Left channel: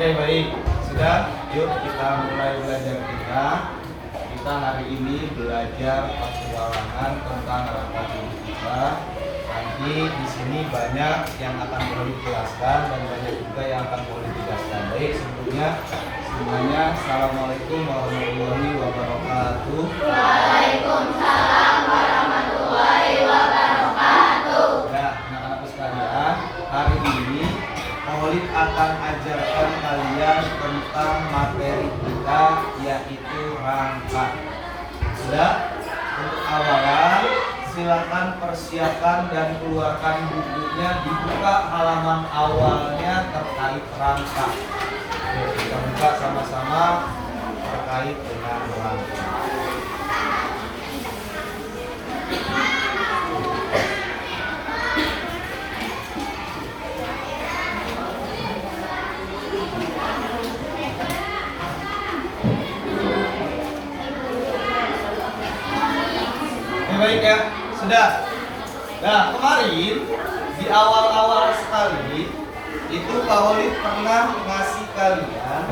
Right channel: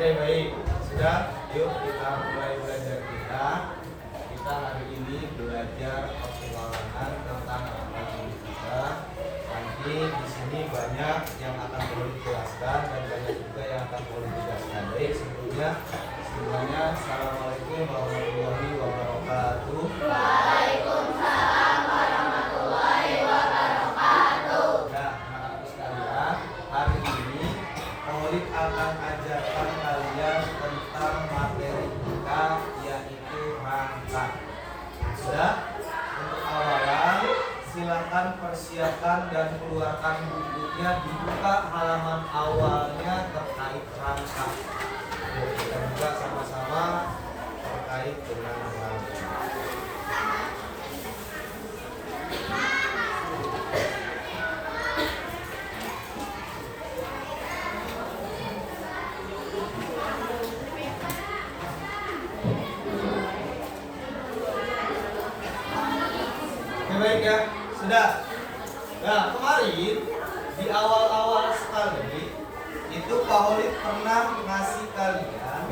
Oke, baik. Sudah, yuk kita mulai belajar kita. Kita hari ini belajar petualangan tentang rangka hidup kita. Nanti di sini banyak yang akan boleh dijelaskan dan banyak juga yang akan boleh dijelaskan. Baik, sebelumnya semuanya assalamualaikum warahmatullahi wabarakatuh. Waalaikumsalam warahmatullahi wabarakatuh. Ya, anak-anakku sekalian, hari ini Maulid akan ajarkan kalian tentang materi kita, yaitu rangka. Sudah? Untuk awalan, silakan persiapkan dan keluarkan bukunya, dibuka halaman awalnya terkait rangka. Oke, kita buka sama-sama terkait dengan rangka. Baik ya, sudah. Nah, kemarin di awal-awal sekali itu Pak Holid pernah ngasih kalian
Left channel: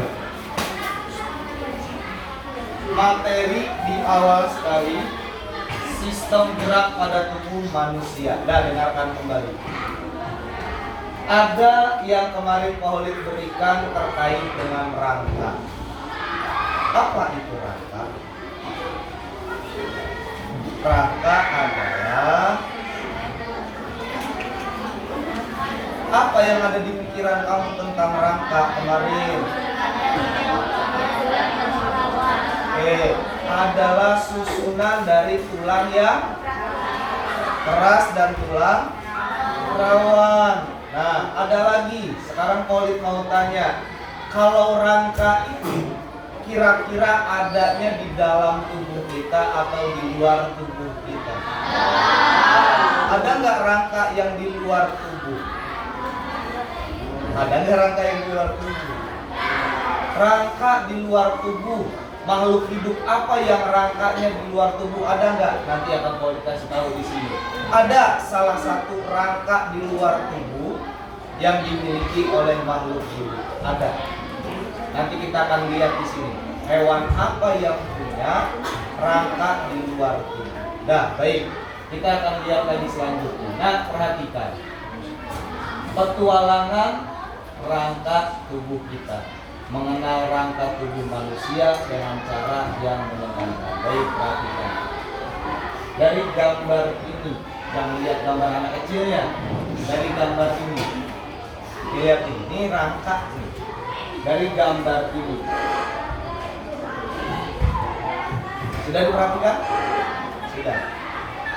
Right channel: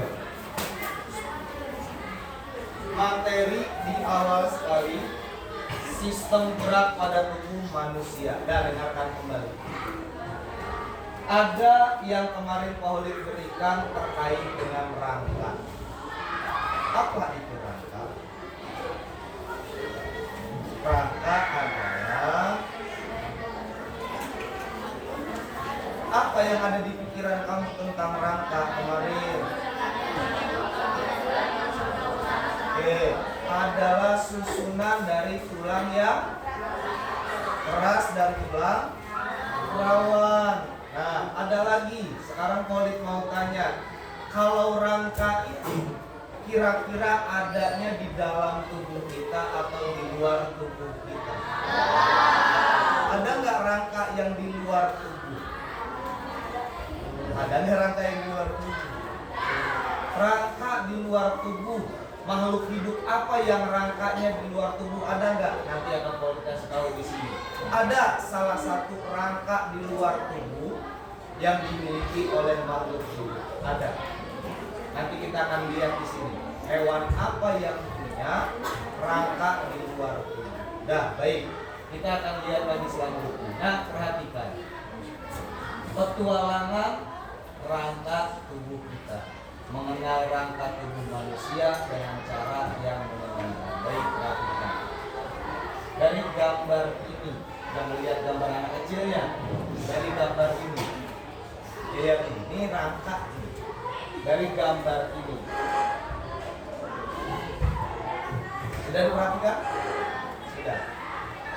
materi di awal sekali, sistem gerak pada tubuh manusia. Nah, dengarkan kembali. Ada yang kemarin Pak Holid berikan terkait dengan rangka. Apa itu rangka? Rangka adalah apa yang ada di pikiran kamu tentang rangka kemarin? Oke, adalah susunan dari tulang yang keras dan tulang rawan. Nah, ada lagi. Sekarang Polit mau tanya, kalau rangka itu kira-kira adanya di dalam tubuh kita atau di luar tubuh kita? Ada nggak rangka yang di luar tubuh? Ada nggak rangka yang di luar tubuh? Rangka di luar tubuh, makhluk hidup apa yang rangkanya di luar tubuh? Ada nggak? Nanti akan Paul kasih tahu di sini. Ada salah satu rangka di luar tubuh yang dimiliki oleh makhluk hidup. Ada. Nanti kita akan lihat di sini hewan apa yang punya rangka di luar tubuh. Nah, baik, kita akan lihat lagi selanjutnya. Nah, perhatikan petualangan rangka tubuh kita, mengenal rangka tubuh manusia dengan cara yang menyenangkan. Baik, perhatikan dari gambar ini, jangan lihat gambar anak kecilnya. Dari gambar ini, lihat ini rangka ini. Dari gambar ini sudah diperhatikan? Sudah.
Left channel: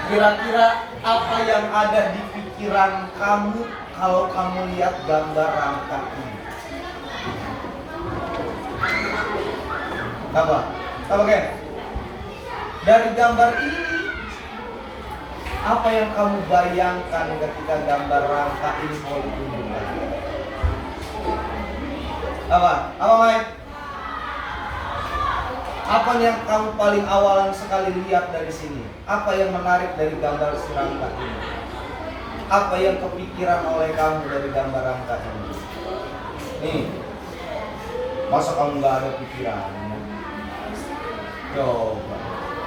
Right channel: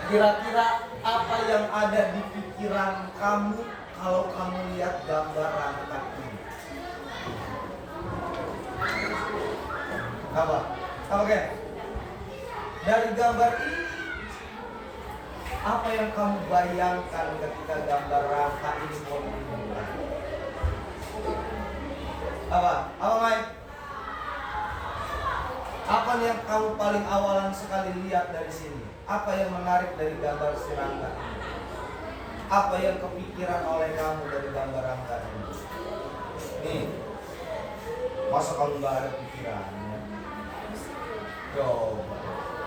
Kira-kira apa yang ada di pikiran kamu kalau kamu lihat gambar rangka ini? Apa? Apa Ken? Dari gambar ini apa yang kamu bayangkan ketika gambar rangka ini mau ditunjukkan? Apa? Apa Mike? Apa yang kamu paling awalan sekali lihat dari sini? Apa yang menarik dari gambar si rangka ini? Apa yang kepikiran oleh kamu dari gambar rangka ini? Nih, masa kamu nggak ada pikirannya? Coba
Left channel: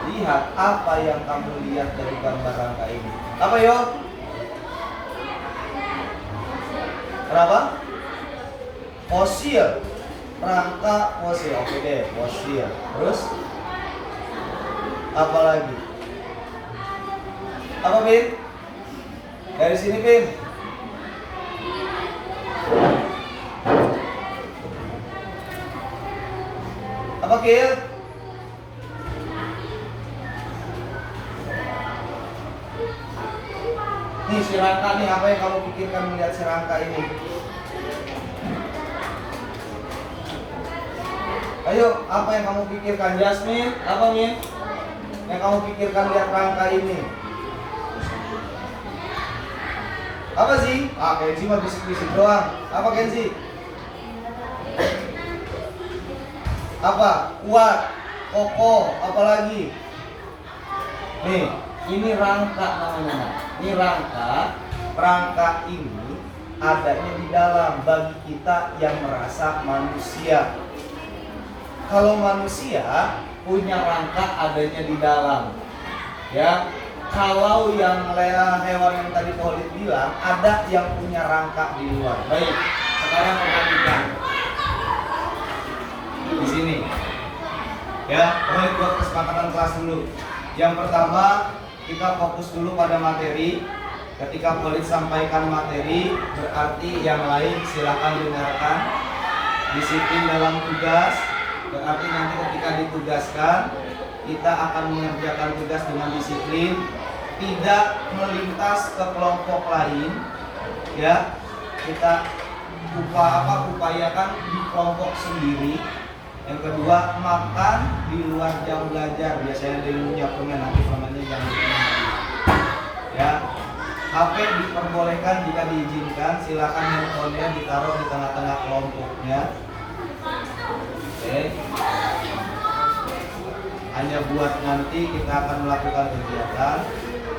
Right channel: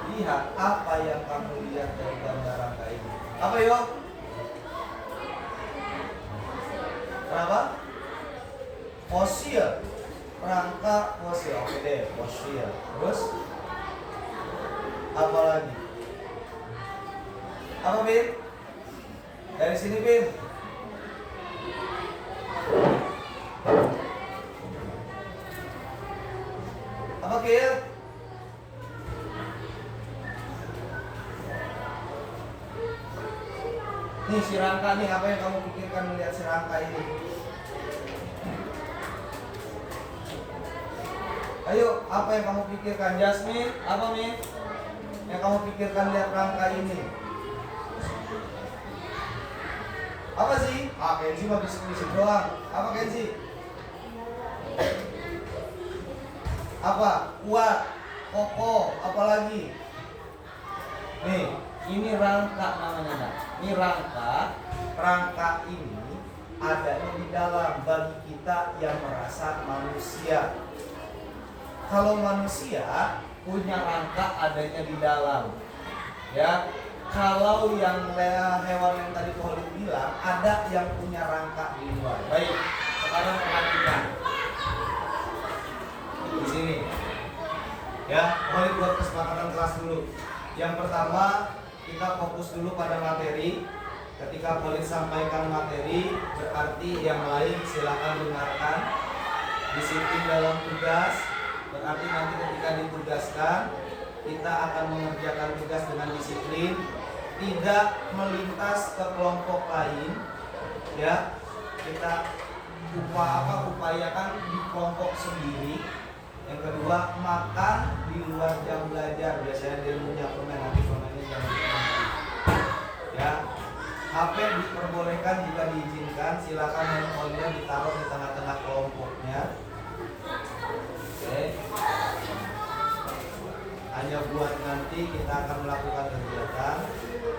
lihat apa yang kamu lihat dari gambar rangka ini. Apa yo? Kenapa? Fosil, rangka fosil. Oke deh, fosil. Terus apa lagi? Apa Bin? Dari sini Bin. Apa Kil? Nih si rangka nih, apa yang kamu pikirkan melihat si rangka ini? Ayo, apa yang kamu pikirkan? Jasmine, apa Min? Yang kamu pikirkan lihat rangka ini? Apa sih? Kenzi mah bisik-bisik doang. Apa Kenzi? Apa? Kuat, kokoh, apa lagi? Nih, ini rangka namanya. Ini rangka ini adanya di dalam bagi kita yang merasa manusia. Kalau manusia punya rangka adanya di dalam. Ya, kalau yang hewan yang tadi Khalid bilang ada yang punya rangka di luar. Baik, sekarang perhatikan di sini. Ya, Khalid buat kesepakatan kelas dulu. Yang pertama kita fokus dulu pada materi. Ketika Khalid sampaikan materi, berarti yang lain silakan dengarkan. Disiplin dalam tugas, berarti nanti ketika ditugaskan kita akan mengerjakan tugas dengan disiplin, tidak melintas ke kelompok lain. Ya, kita upayakan di kelompok sendiri. Yang kedua, makan di luar jam belajar. Biasanya ada yang punya permen, nanti permennya jangan dimakan. Ya, HP diperbolehkan jika diizinkan. Silakan handphonenya ditaruh di tengah-tengah kelompoknya. Oke. Hanya buat nanti kita akan melakukan kegiatan.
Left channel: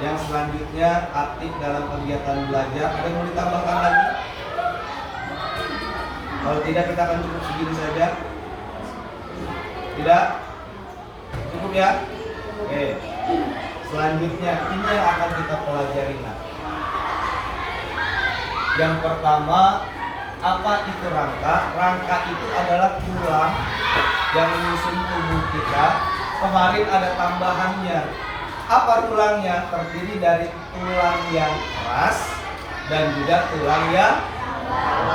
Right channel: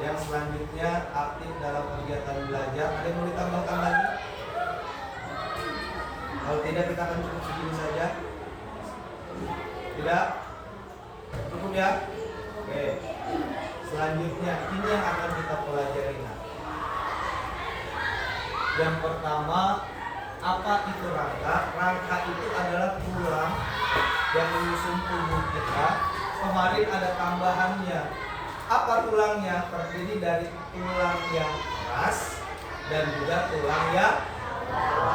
Yang selanjutnya aktif dalam kegiatan belajar. Ada yang mau ditambahkan lagi? Kalau tidak kita akan cukup segini saja. Tidak? Cukup ya? Oke. Selanjutnya ini yang akan kita pelajari nanti. Yang pertama, apa itu rangka? Rangka itu adalah tulang yang menyusun tubuh kita. Kemarin ada tambahannya. Apa tulangnya? Terdiri dari tulang yang keras dan juga tulang yang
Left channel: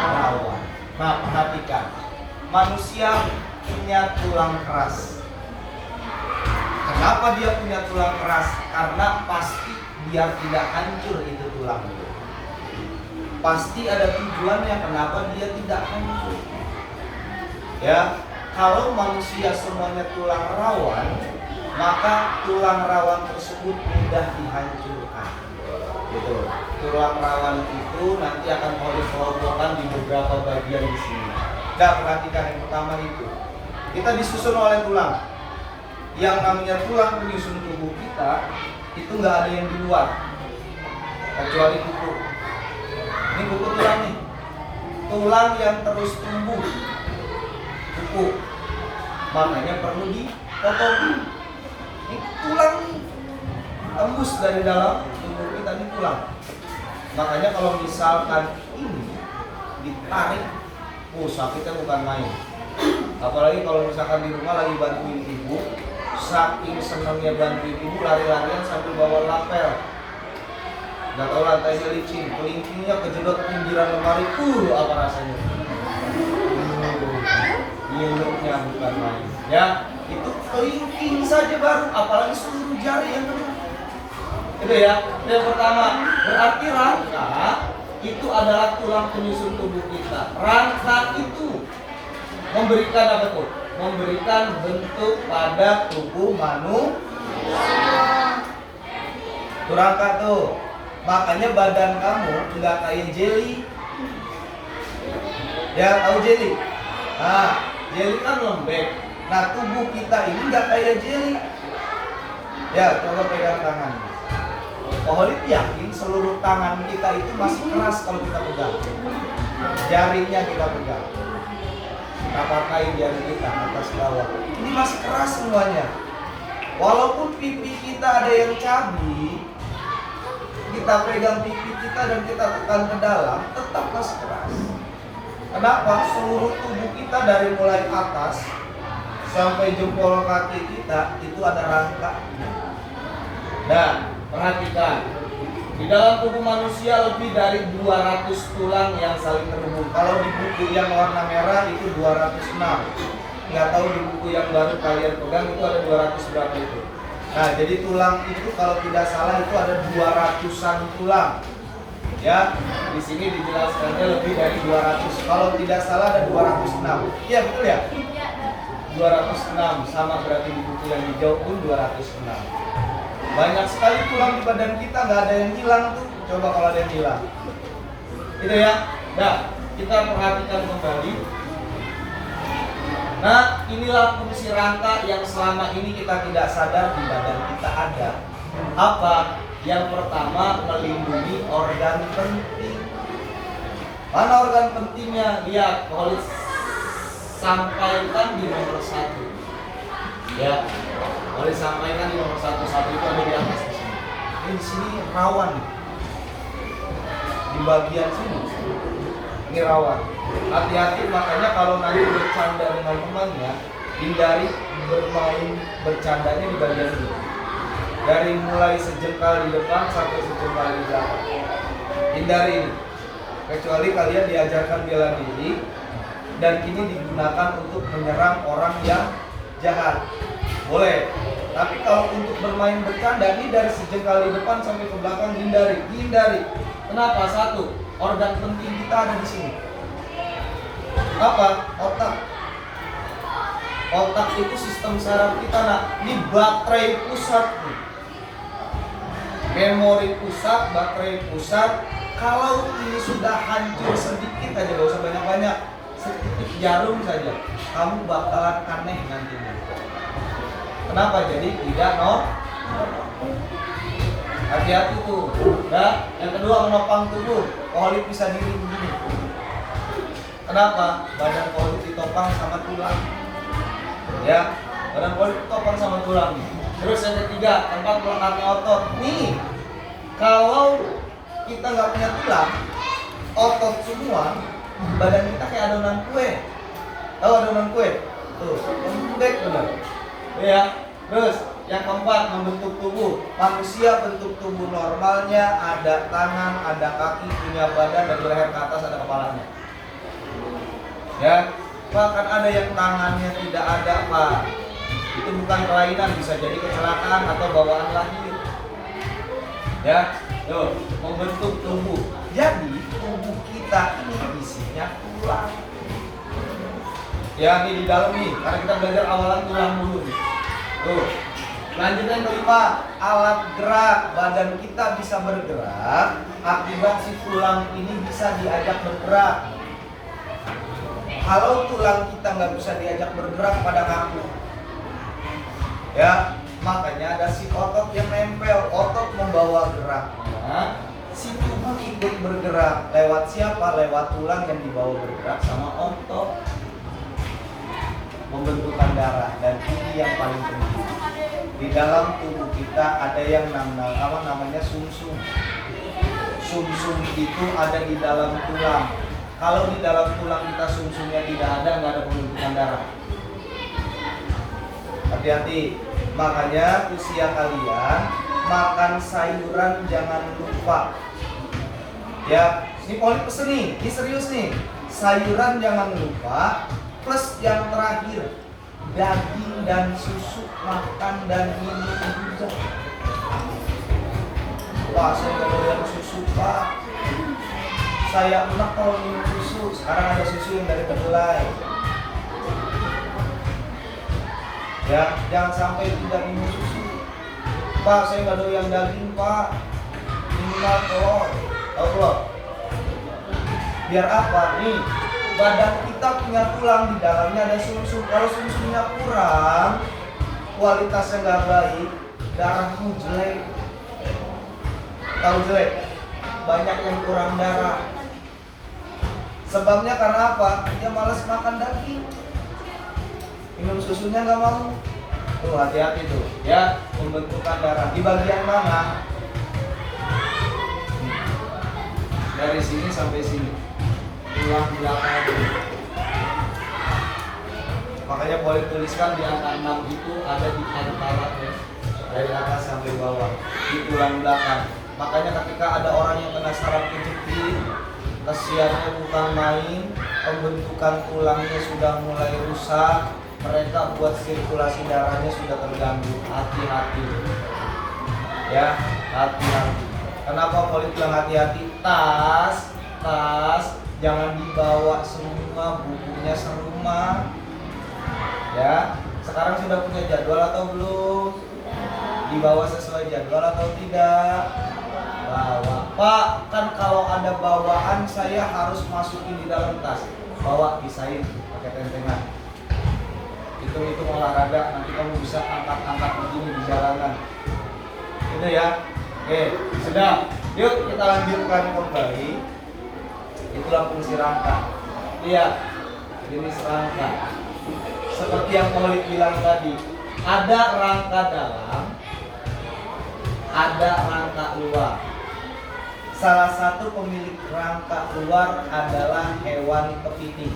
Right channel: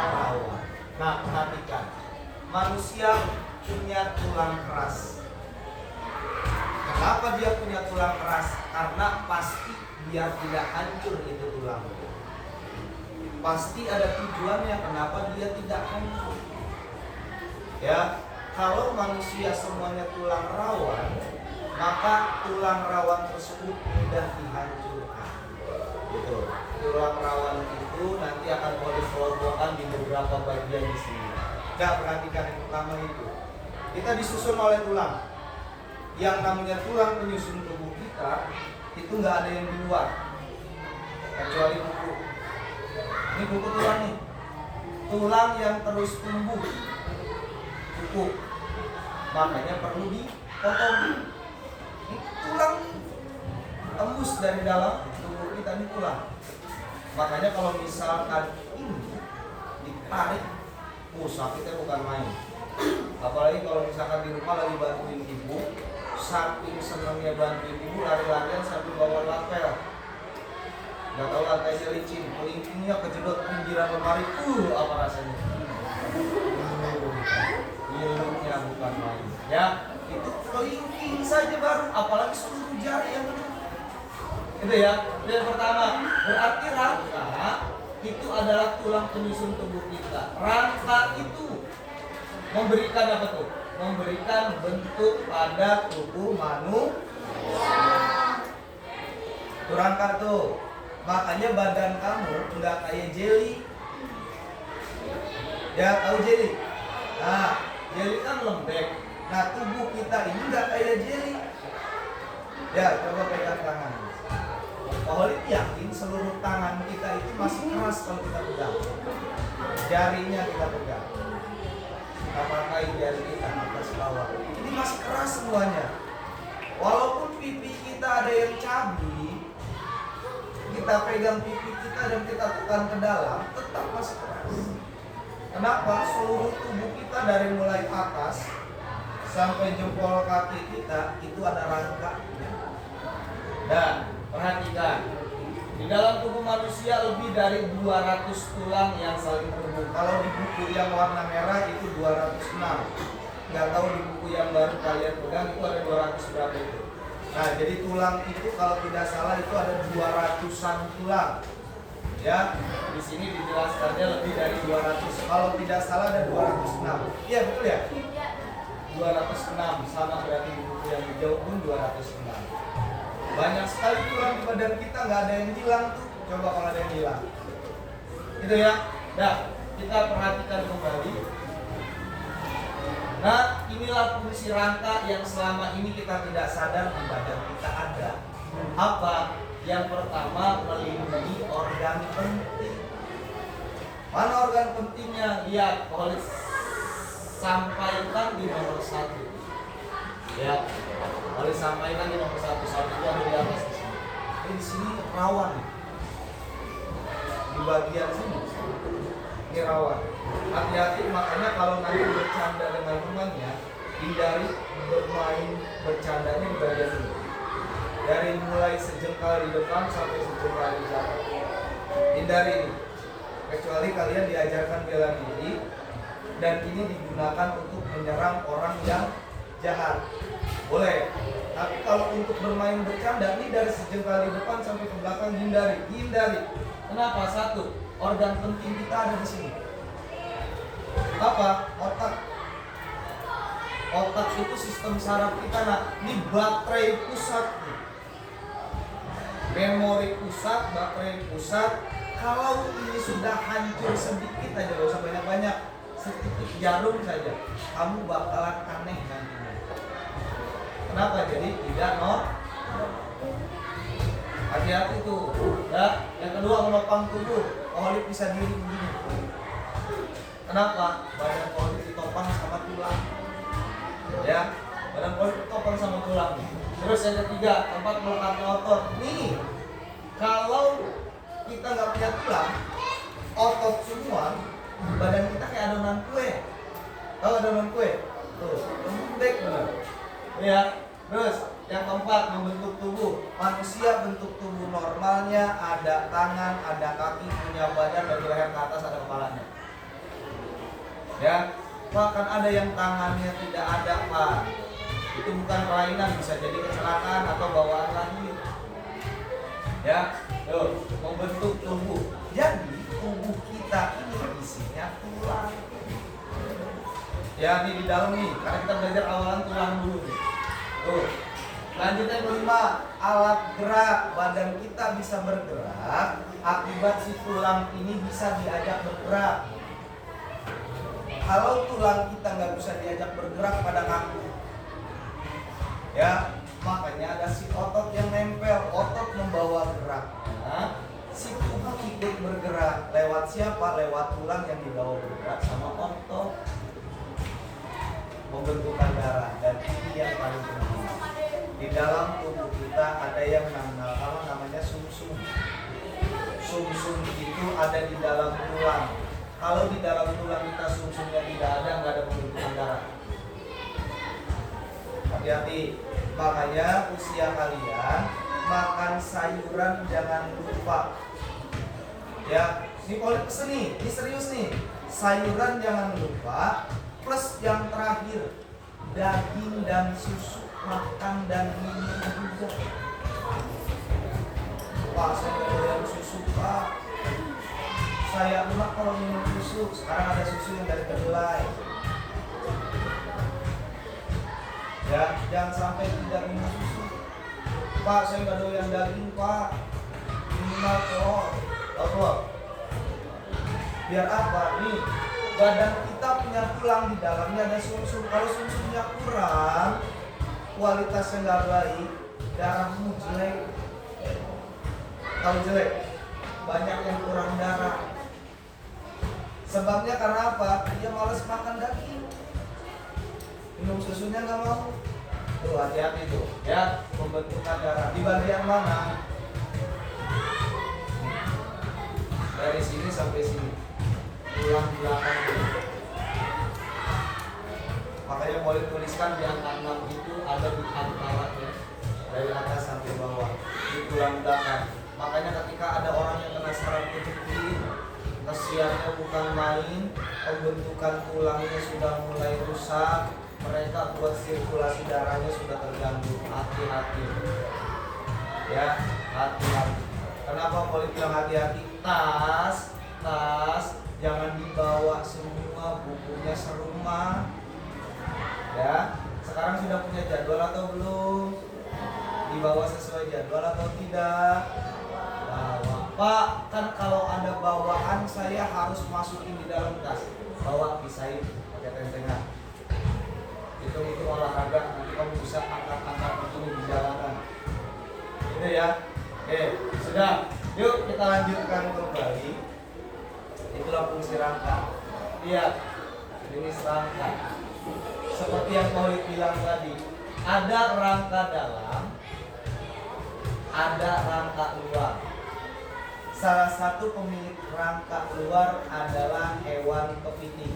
rawan. Nah, perhatikan. Manusia punya tulang keras. Kenapa dia punya tulang keras? Karena pasti biar tidak hancur itu tulang. Pasti ada tujuannya kenapa dia tidak hancur. Ya, kalau manusia semuanya tulang rawan, maka tulang rawan tersebut mudah dihancurkan. Gitu. Tulang rawan itu nanti akan dikelompokkan di beberapa bagian di sini. Nah, perhatikan yang pertama itu. Kita disusun oleh tulang. Yang namanya tulang penyusun tubuh kita itu nggak ada yang di luar, kecuali kuku. Ini kuku tulang nih. Tulang yang terus tumbuh. Kuku. Makanya perlu dipotong. Ini tulang nih. Tembus dari dalam tubuh kita ini tulang. Makanya kalau misalkan ini ditarik, sakitnya bukan main. Apalagi kalau misalkan di rumah lagi bantuin ibu, saking senangnya bantuin ibu lari-larian sambil bawa lapel. Gak tau lantainya licin, kelingkingnya kejedot pinggiran lemari, apa rasanya? Nyeluknya bukan main. Ya, itu kelingking saja baru, apalagi seluruh jari yang kena. Itu ya. Yang pertama, berarti rangka itu adalah tulang penyusun tubuh kita. Rangka itu memberikan apa tuh? Memberikan bentuk pada tubuh manusia. Itu rangka tuh. Makanya badan kamu nggak kayak jelly. Ya, tahu jelly? Nah, jelly kan lembek. Nah, tubuh kita ini nggak kayak jelly. Ya, coba pegang tangan. Khalid yakin seluruh tangan kita itu masih keras kalau kita pegang. Jarinya kita pegang. Kita pakai jari kita atas bawah. Ini masih keras semuanya. Walaupun pipi kita ada yang cabi, kita pegang pipi kita dan kita tekan ke dalam, tetap masih keras. Kenapa? Seluruh tubuh kita dari mulai atas sampai jempol kaki kita itu ada rangkanya. Dan perhatikan, di dalam tubuh manusia lebih dari 200 tulang yang saling terhubung. Kalau di buku yang warna merah itu 206. Nggak tahu di buku yang baru kalian pegang itu ada 200 berapa itu. Nah, jadi tulang itu kalau tidak salah itu ada 200-an tulang. Ya, di sini dijelaskannya lebih dari 200. Kalau tidak salah ada 206. Iya, betul ya? 206 sama berarti di buku yang hijau pun 206. Banyak sekali tulang di badan kita, nggak ada yang hilang tuh. Coba kalau ada yang hilang. Gitu ya. Nah, kita perhatikan kembali. Nah, inilah fungsi rangka yang selama ini kita tidak sadar di badan kita ada. Apa? Yang pertama, melindungi organ penting. Mana organ pentingnya? Lihat, Paulus sampaikan di nomor 1. Ya, Paulus sampaikan di nomor 1. 1 itu ada di atas di sini. Ini di sini rawan nih. Di bagian sini. Ini rawan. Hati-hati, makanya kalau nanti bercanda dengan temannya, hindari bermain bercandanya di bagian ini. Dari mulai sejengkal di depan sampai sejengkal di belakang. Hindari ini. Kecuali kalian diajarkan bela diri dan ini digunakan untuk menyerang orang yang jahat, boleh. Tapi kalau untuk bermain bercanda ini dari sejengkal di depan sampai ke belakang, hindari. Kenapa? 1, organ penting kita ada di sini. Apa? Otak. Otak itu sistem saraf kita, nak. Ini baterai pusat nih. Memori pusat, baterai pusat. Kalau ini sudah hancur sedikit aja, gak usah banyak-banyak, sedikit jarum saja, kamu bakalan aneh nantinya. Kenapa? Jadi tidak hati-hati tuh. Ya. Yang kedua, menopang tubuh. Koholik bisa diri begini. Kenapa? Badan koholik ditopang sama tulang. Ya, badan koholik ditopang sama tulang. Terus yang ketiga, tempat melekatnya otot. Nih, kalau kita nggak punya tulang, otot semua, badan kita kayak adonan kue. Tahu adonan kue? Tuh, lembek benar. Ya. Terus yang keempat, membentuk tubuh. Manusia bentuk tubuh normalnya ada tangan, ada kaki, punya badan, dari leher ke atas ada kepalanya. Ya, bahkan ada yang tangannya tidak ada, Pak. Itu bukan kelainan, bisa jadi kecelakaan atau bawaan lahir. Ya, yuk, membentuk tubuh. Jadi tubuh kita ini isinya tulang. Ya, ini di dalam nih, karena kita belajar awalan tulang dulu nih. Tuh. Lanjut yang kelima, alat gerak. Badan kita bisa bergerak akibat si tulang ini bisa diajak bergerak. Kalau tulang kita nggak bisa diajak bergerak pada kamu, ya, makanya ada si otot yang nempel. Otot membawa geraknya, si tubuh ikut bergerak. Lewat siapa? Lewat tulang yang dibawa bergerak sama otot. Pembentukan darah, dan ini yang paling penting. Di dalam tubuh kita ada yang namanya sumsum. Sumsum itu ada di dalam tulang. Kalau di dalam tulang kita sumsumnya tidak ada, nggak ada pembentukan darah. Hati-hati. Makanya usia kalian makan sayuran jangan lupa. Ya, ini Poli pesen nih, ini serius nih. Sayuran jangan lupa. Plus yang terakhir, daging dan susu, makan dan minum juga. Wah, saya nggak doyan susu, Pak. Saya enak kalau minum susu. Sekarang ada susu yang dari kedelai. Ya, jangan sampai tidak minum susu. Pak, saya nggak doyan daging, Pak. Minimal telur. Telur. Biar apa? Nih, badan kita punya tulang, di dalamnya ada sumsum. Kalau sumsumnya kurang, kualitasnya nggak baik, darahmu jelek. Tahu jelek? Banyak yang kurang darah. Sebabnya karena apa? Dia malas makan daging, minum susunya nggak mau. Tuh, hati-hati tuh, ya, pembentukan darah di bagian mana? Dari sini sampai sini, tulang belakang. Makanya boleh tuliskan di angka 6 itu ada di antara, ya, dari atas sampai bawah di tulang belakang. Makanya ketika ada orang yang kena saraf kejepit, kesiannya bukan main, pembentukan tulangnya sudah mulai rusak, mereka buat sirkulasi darahnya sudah terganggu. Hati-hati, ya, hati-hati. Kenapa politik yang hati-hati? Tas jangan dibawa semua, bukunya serumah. Ya, sekarang sudah punya jadwal atau belum? Dibawa sesuai jadwal atau tidak? Bawa. Pak, kan kalau ada bawaan saya harus masukin di dalam tas. Bawa, pisahin pakai tentengan. Hitung-hitung olahraga, nanti kamu bisa angkat-angkat begini di jalanan. Gitu ya. Oke, sudah. Yuk kita lanjutkan kembali. Itulah fungsi rangka. Lihat jenis rangka. Seperti yang Maulid bilang tadi, ada rangka dalam, ada rangka luar. Salah satu pemilik rangka luar adalah hewan kepiting.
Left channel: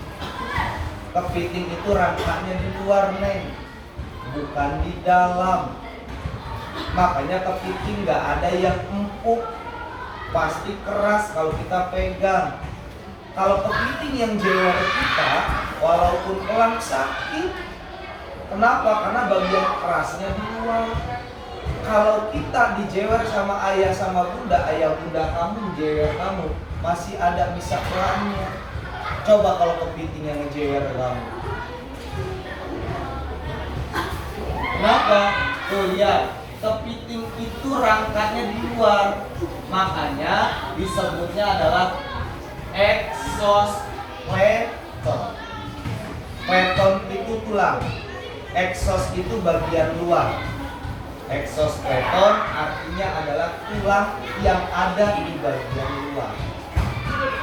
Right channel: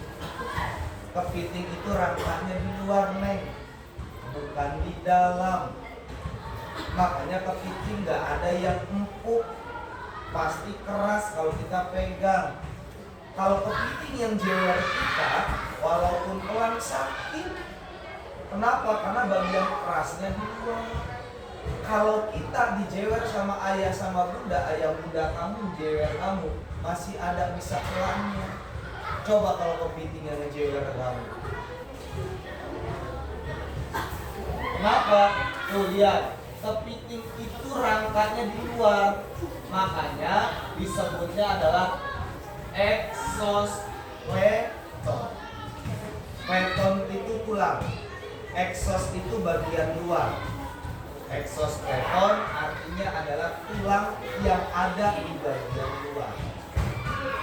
Kepiting itu rangkanya di luar, Neng, bukan di dalam. Makanya kepiting nggak ada yang empuk, pasti keras kalau kita pegang. Kalau kepiting yang jewer kita, walaupun pelan sakit. Kenapa? Karena bagian kerasnya di luar. Kalau kita dijewer sama ayah sama bunda, ayah bunda kamu jewer kamu, masih ada bisa pelannya. Coba kalau kepiting yang ngejewer kamu. Kenapa? Tuh lihat, kepiting itu rangkanya di luar. Makanya disebutnya adalah exoskeleton. Skeleton itu tulang, exos itu bagian luar. Exoskeleton artinya adalah tulang yang ada di bagian luar.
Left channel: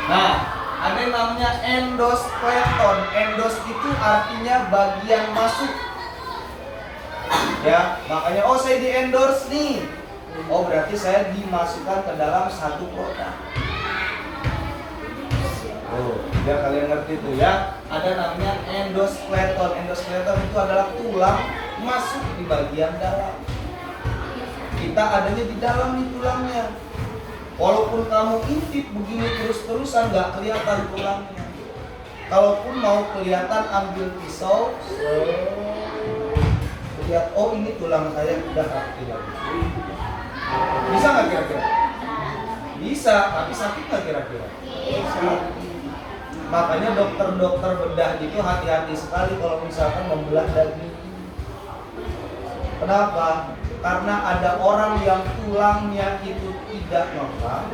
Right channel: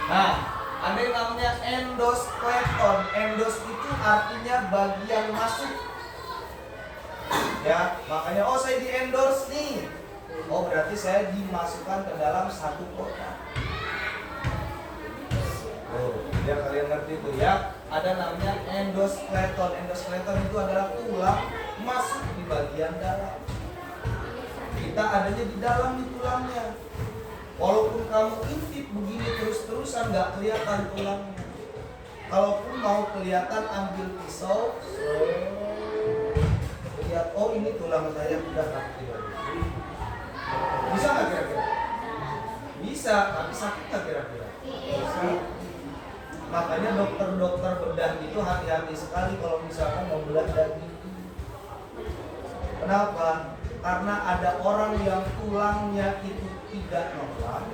Nah, ada yang namanya endoskeleton. Endos itu artinya bagian masuk. Ya, makanya oh saya di endorse nih. Oh berarti saya dimasukkan ke dalam satu produk. Oh, biar kalian ngerti tuh ya. Ada namanya endoskeleton. Endoskeleton itu adalah tulang masuk di bagian dalam. Kita adanya di dalam nih tulangnya. Walaupun kamu intip begini terus-terusan nggak kelihatan tulangnya. Kalaupun mau kelihatan ambil pisau, lihat oh ini tulang saya udah rapi lagi. Bisa nggak kira-kira? Bisa, tapi sakit nggak kira-kira? Bisa. Makanya dokter-dokter bedah itu hati-hati sekali kalau misalkan membelah daging. Kenapa? Karena ada orang yang tulangnya itu tidak normal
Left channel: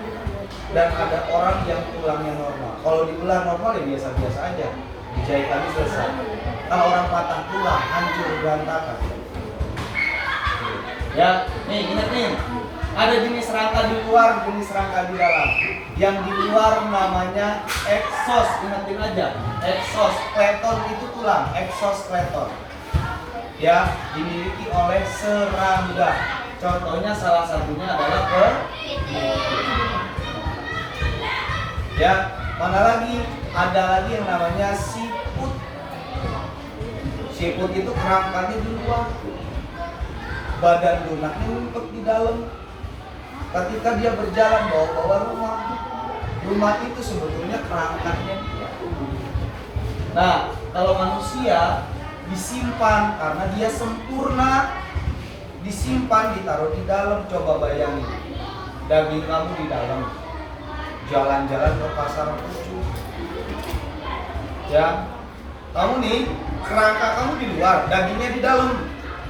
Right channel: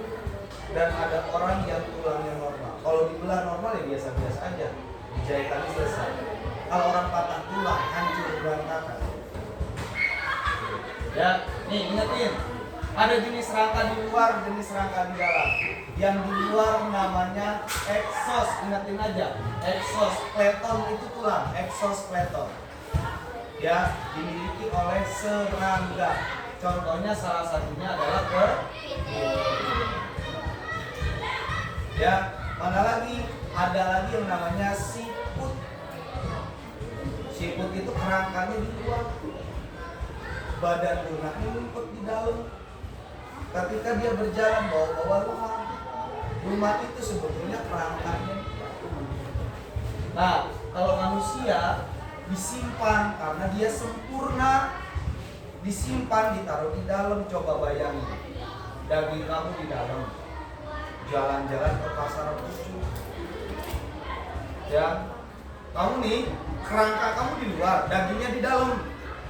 dan ada orang yang tulangnya normal. Kalau dibelah normal ya biasa-biasa aja, dijahit lagi selesai. Kalau orang patah tulang, hancur berantakan. Ya, nih ingat nih, ada jenis rangka di luar, jenis rangka di dalam. Yang di luar namanya exos, ingatin aja. Exoskeleton itu tulang, exoskeleton. Ya, dimiliki oleh serangga. Contohnya salah satunya adalah ya, mana lagi? Ada lagi yang namanya siput. Siput itu kerangkanya di luar, badan lunaknya ngumpet di dalam. Ketika dia berjalan bawa-bawa rumah itu sebetulnya kerangkanya dia. Nah, kalau manusia disimpan karena dia sempurna, disimpan, ditaruh di dalam. Coba bayangin, daging kamu di dalam, jalan-jalan ke pasar Pucu. Ya, kamu nih, kerangka kamu di luar, dagingnya di dalam.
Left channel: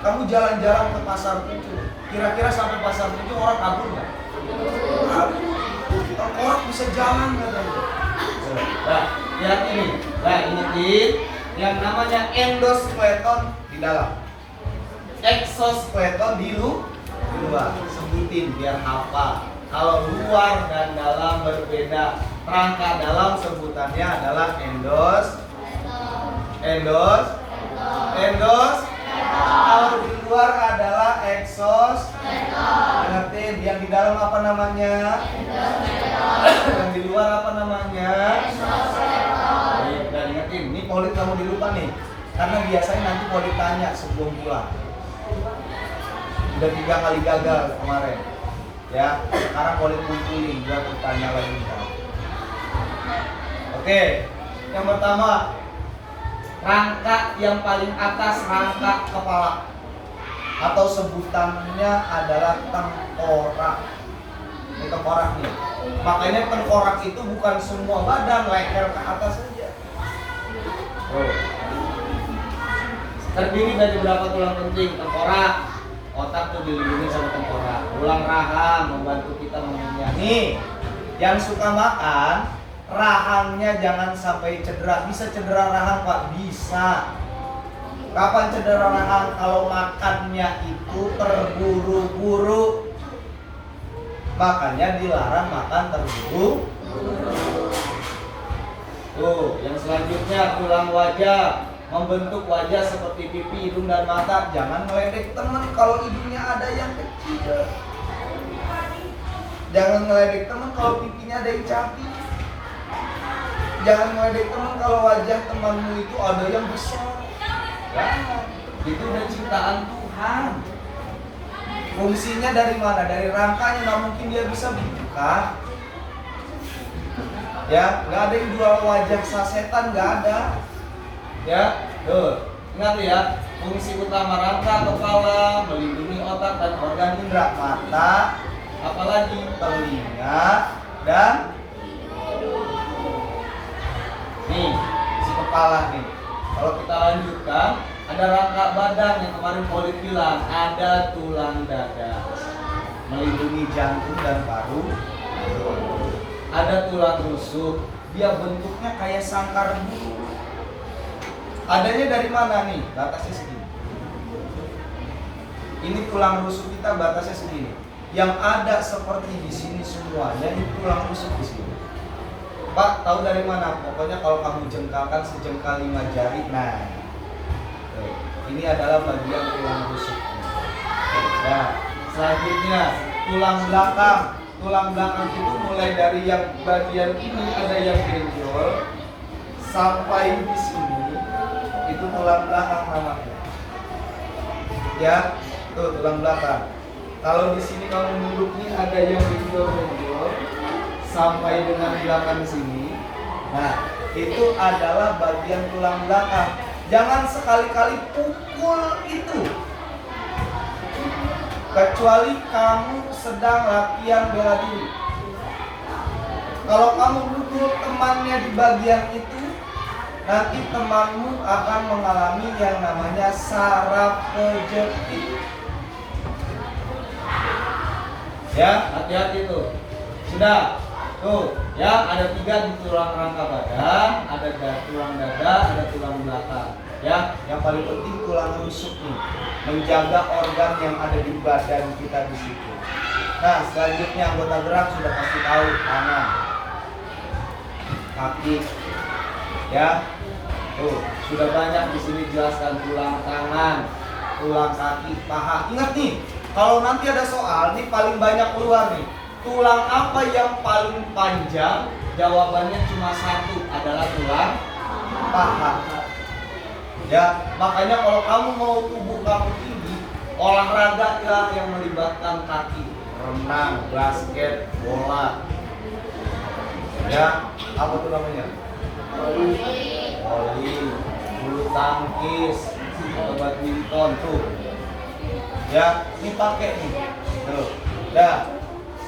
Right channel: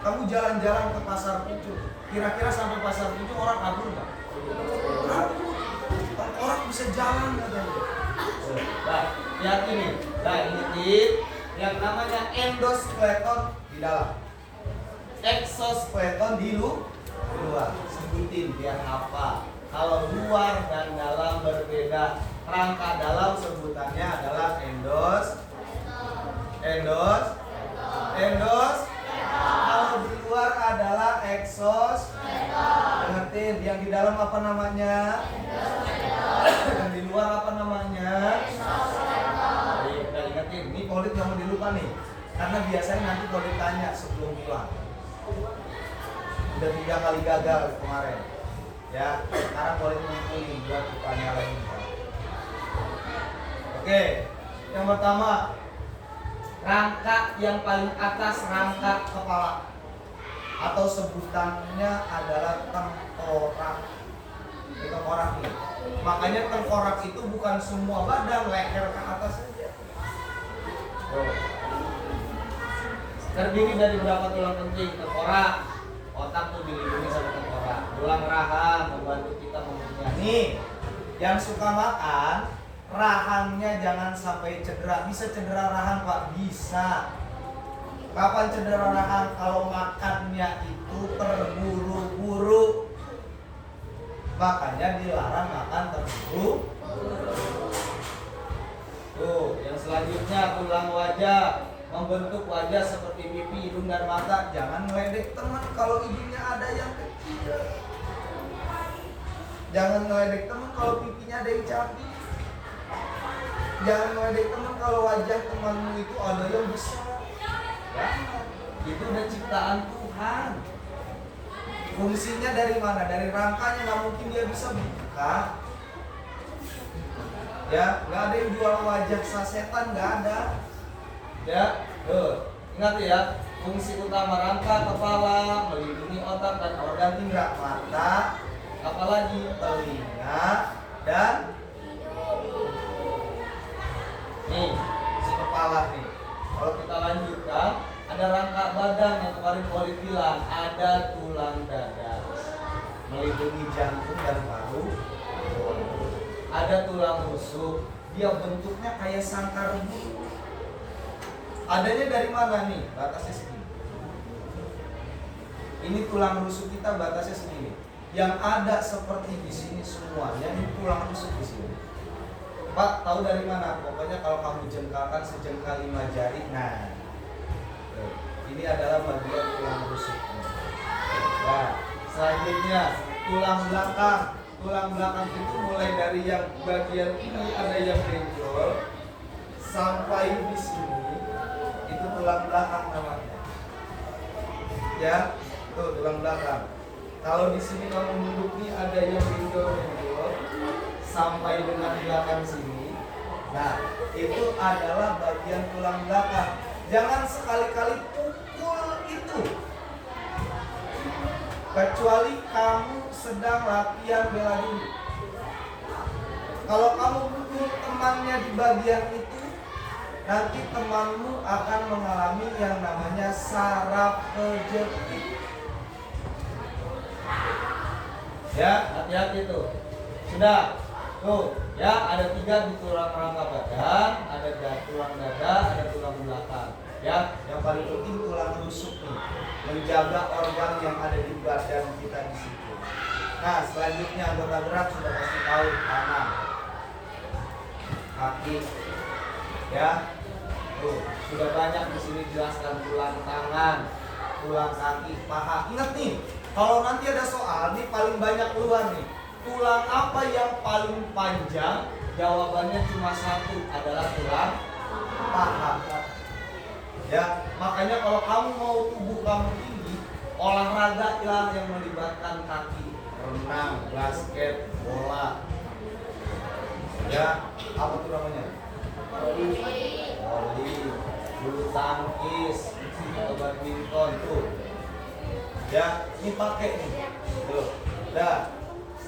Kamu jalan-jalan ke pasar Pucu. Kira-kira sampai pasar Pucu orang kabur nggak? Kabur. Orang bisa jalan nggak tahu. Nah, lihat ini. Nah, ini yang namanya endoskeleton di dalam, exoskeleton di luar. Sebutin biar hafal. Kalau luar dan dalam berbeda. Rangka dalam sebutannya adalah endos. Kalau di luar adalah exos. Ingatin, yang di dalam apa namanya? Yang di luar apa namanya? Dan ingetin, ini Polit kamu dilupa nih, karena biasanya nanti Polit tanya sebelum pulang. Udah 3 kali gagal kemarin, ya. Sekarang Polit kumpulin buat ditanya lagi. Oke, yang pertama, rangka yang paling atas, rangka kepala, atau sebutannya adalah tengkorak. Ini tengkorak nih. Makanya tengkorak itu bukan semua badan, leher ke atas saja. Terdiri dari berapa tulang penting? Tengkorak, otak tuh dilindungi sama tengkorak. Tulang rahang membantu kita mengunyah. Nih, yang suka makan, rahangnya jangan sampai cedera. Bisa cedera rahang Pak? Bisa. Kapan cedera rahang? Kalau makannya itu terburu-buru. Makanya dilarang makan terburu-buru. Tuh, yang selanjutnya tulang wajah, membentuk wajah seperti pipi, hidung dan mata. Jangan ngeledek teman kalau hidungnya ada yang kecil. Jangan ngeledek teman kalau pipinya ada yang cabi. Jangan ngeledek teman kalau wajah temanmu itu ada yang besar. Jangan. Itu udah ciptaan Tuhan. Fungsinya dari mana? Dari rangkanya, nggak mungkin dia bisa buka. Ya, nggak ada yang jual wajah sasetan, nggak ada. Ya, tuh, ingat ya, fungsi utama rangka kepala melindungi otak dan organ indera, mata, apalagi telinga dan nih si kepala nih. Kalau kita lanjutkan, ada rangka badan yang kemarin Polit bilang, ada tulang dada melindungi jantung dan paru. Ada tulang rusuk, dia bentuknya kayak sangkar burung. Adanya dari mana nih? Batasnya segini. Ini tulang rusuk kita batasnya segini. Yang ada seperti di sini semuanya ini tulang rusuk di sini. Pak, tahu dari mana? Pokoknya kalau kamu jengkalkan sejengkal 5 jari, nah, ini adalah bagian tulang rusuk. Nah, selanjutnya tulang belakang. Tulang belakang itu mulai dari yang bagian ini ada yang benjol sampai di sini, itu tulang belakang namanya. Ya, tuh tulang belakang. Kalau di sini kamu duduknya ada yang benjol sampai dengan belakang sini. Nah, itu adalah bagian tulang belakang. Jangan sekali-kali pukul itu. Kecuali kamu sedang latihan bela diri. Kalau kamu pukul temannya di bagian itu, nanti temanmu akan mengalami yang namanya saraf kejepit. Ya, hati-hati tuh. Sudah, tuh, ya ada 3 di tulang rangka badan, ada tulang dada, ada tulang belakang. Ya, yang paling penting tulang rusuk nih, menjaga organ yang ada di badan kita di situ. Nah, selanjutnya anggota gerak sudah pasti tahu, tangan, kaki, ya. Tuh, sudah banyak di sini jelaskan tulang tangan, tulang kaki, paha. Ingat nih, kalau nanti ada soal, nih paling banyak keluar nih. Tulang apa yang paling panjang? Jawabannya cuma 1, adalah tulang paha. Ya, makanya kalau kamu mau tubuh kamu tinggi, olahraga lah yang melibatkan kaki, renang, basket, bola. Ya, apa tuh namanya? Voli, bulu tangkis, atau badminton tuh. Ya, ini pakai nih. Tuh. Dah,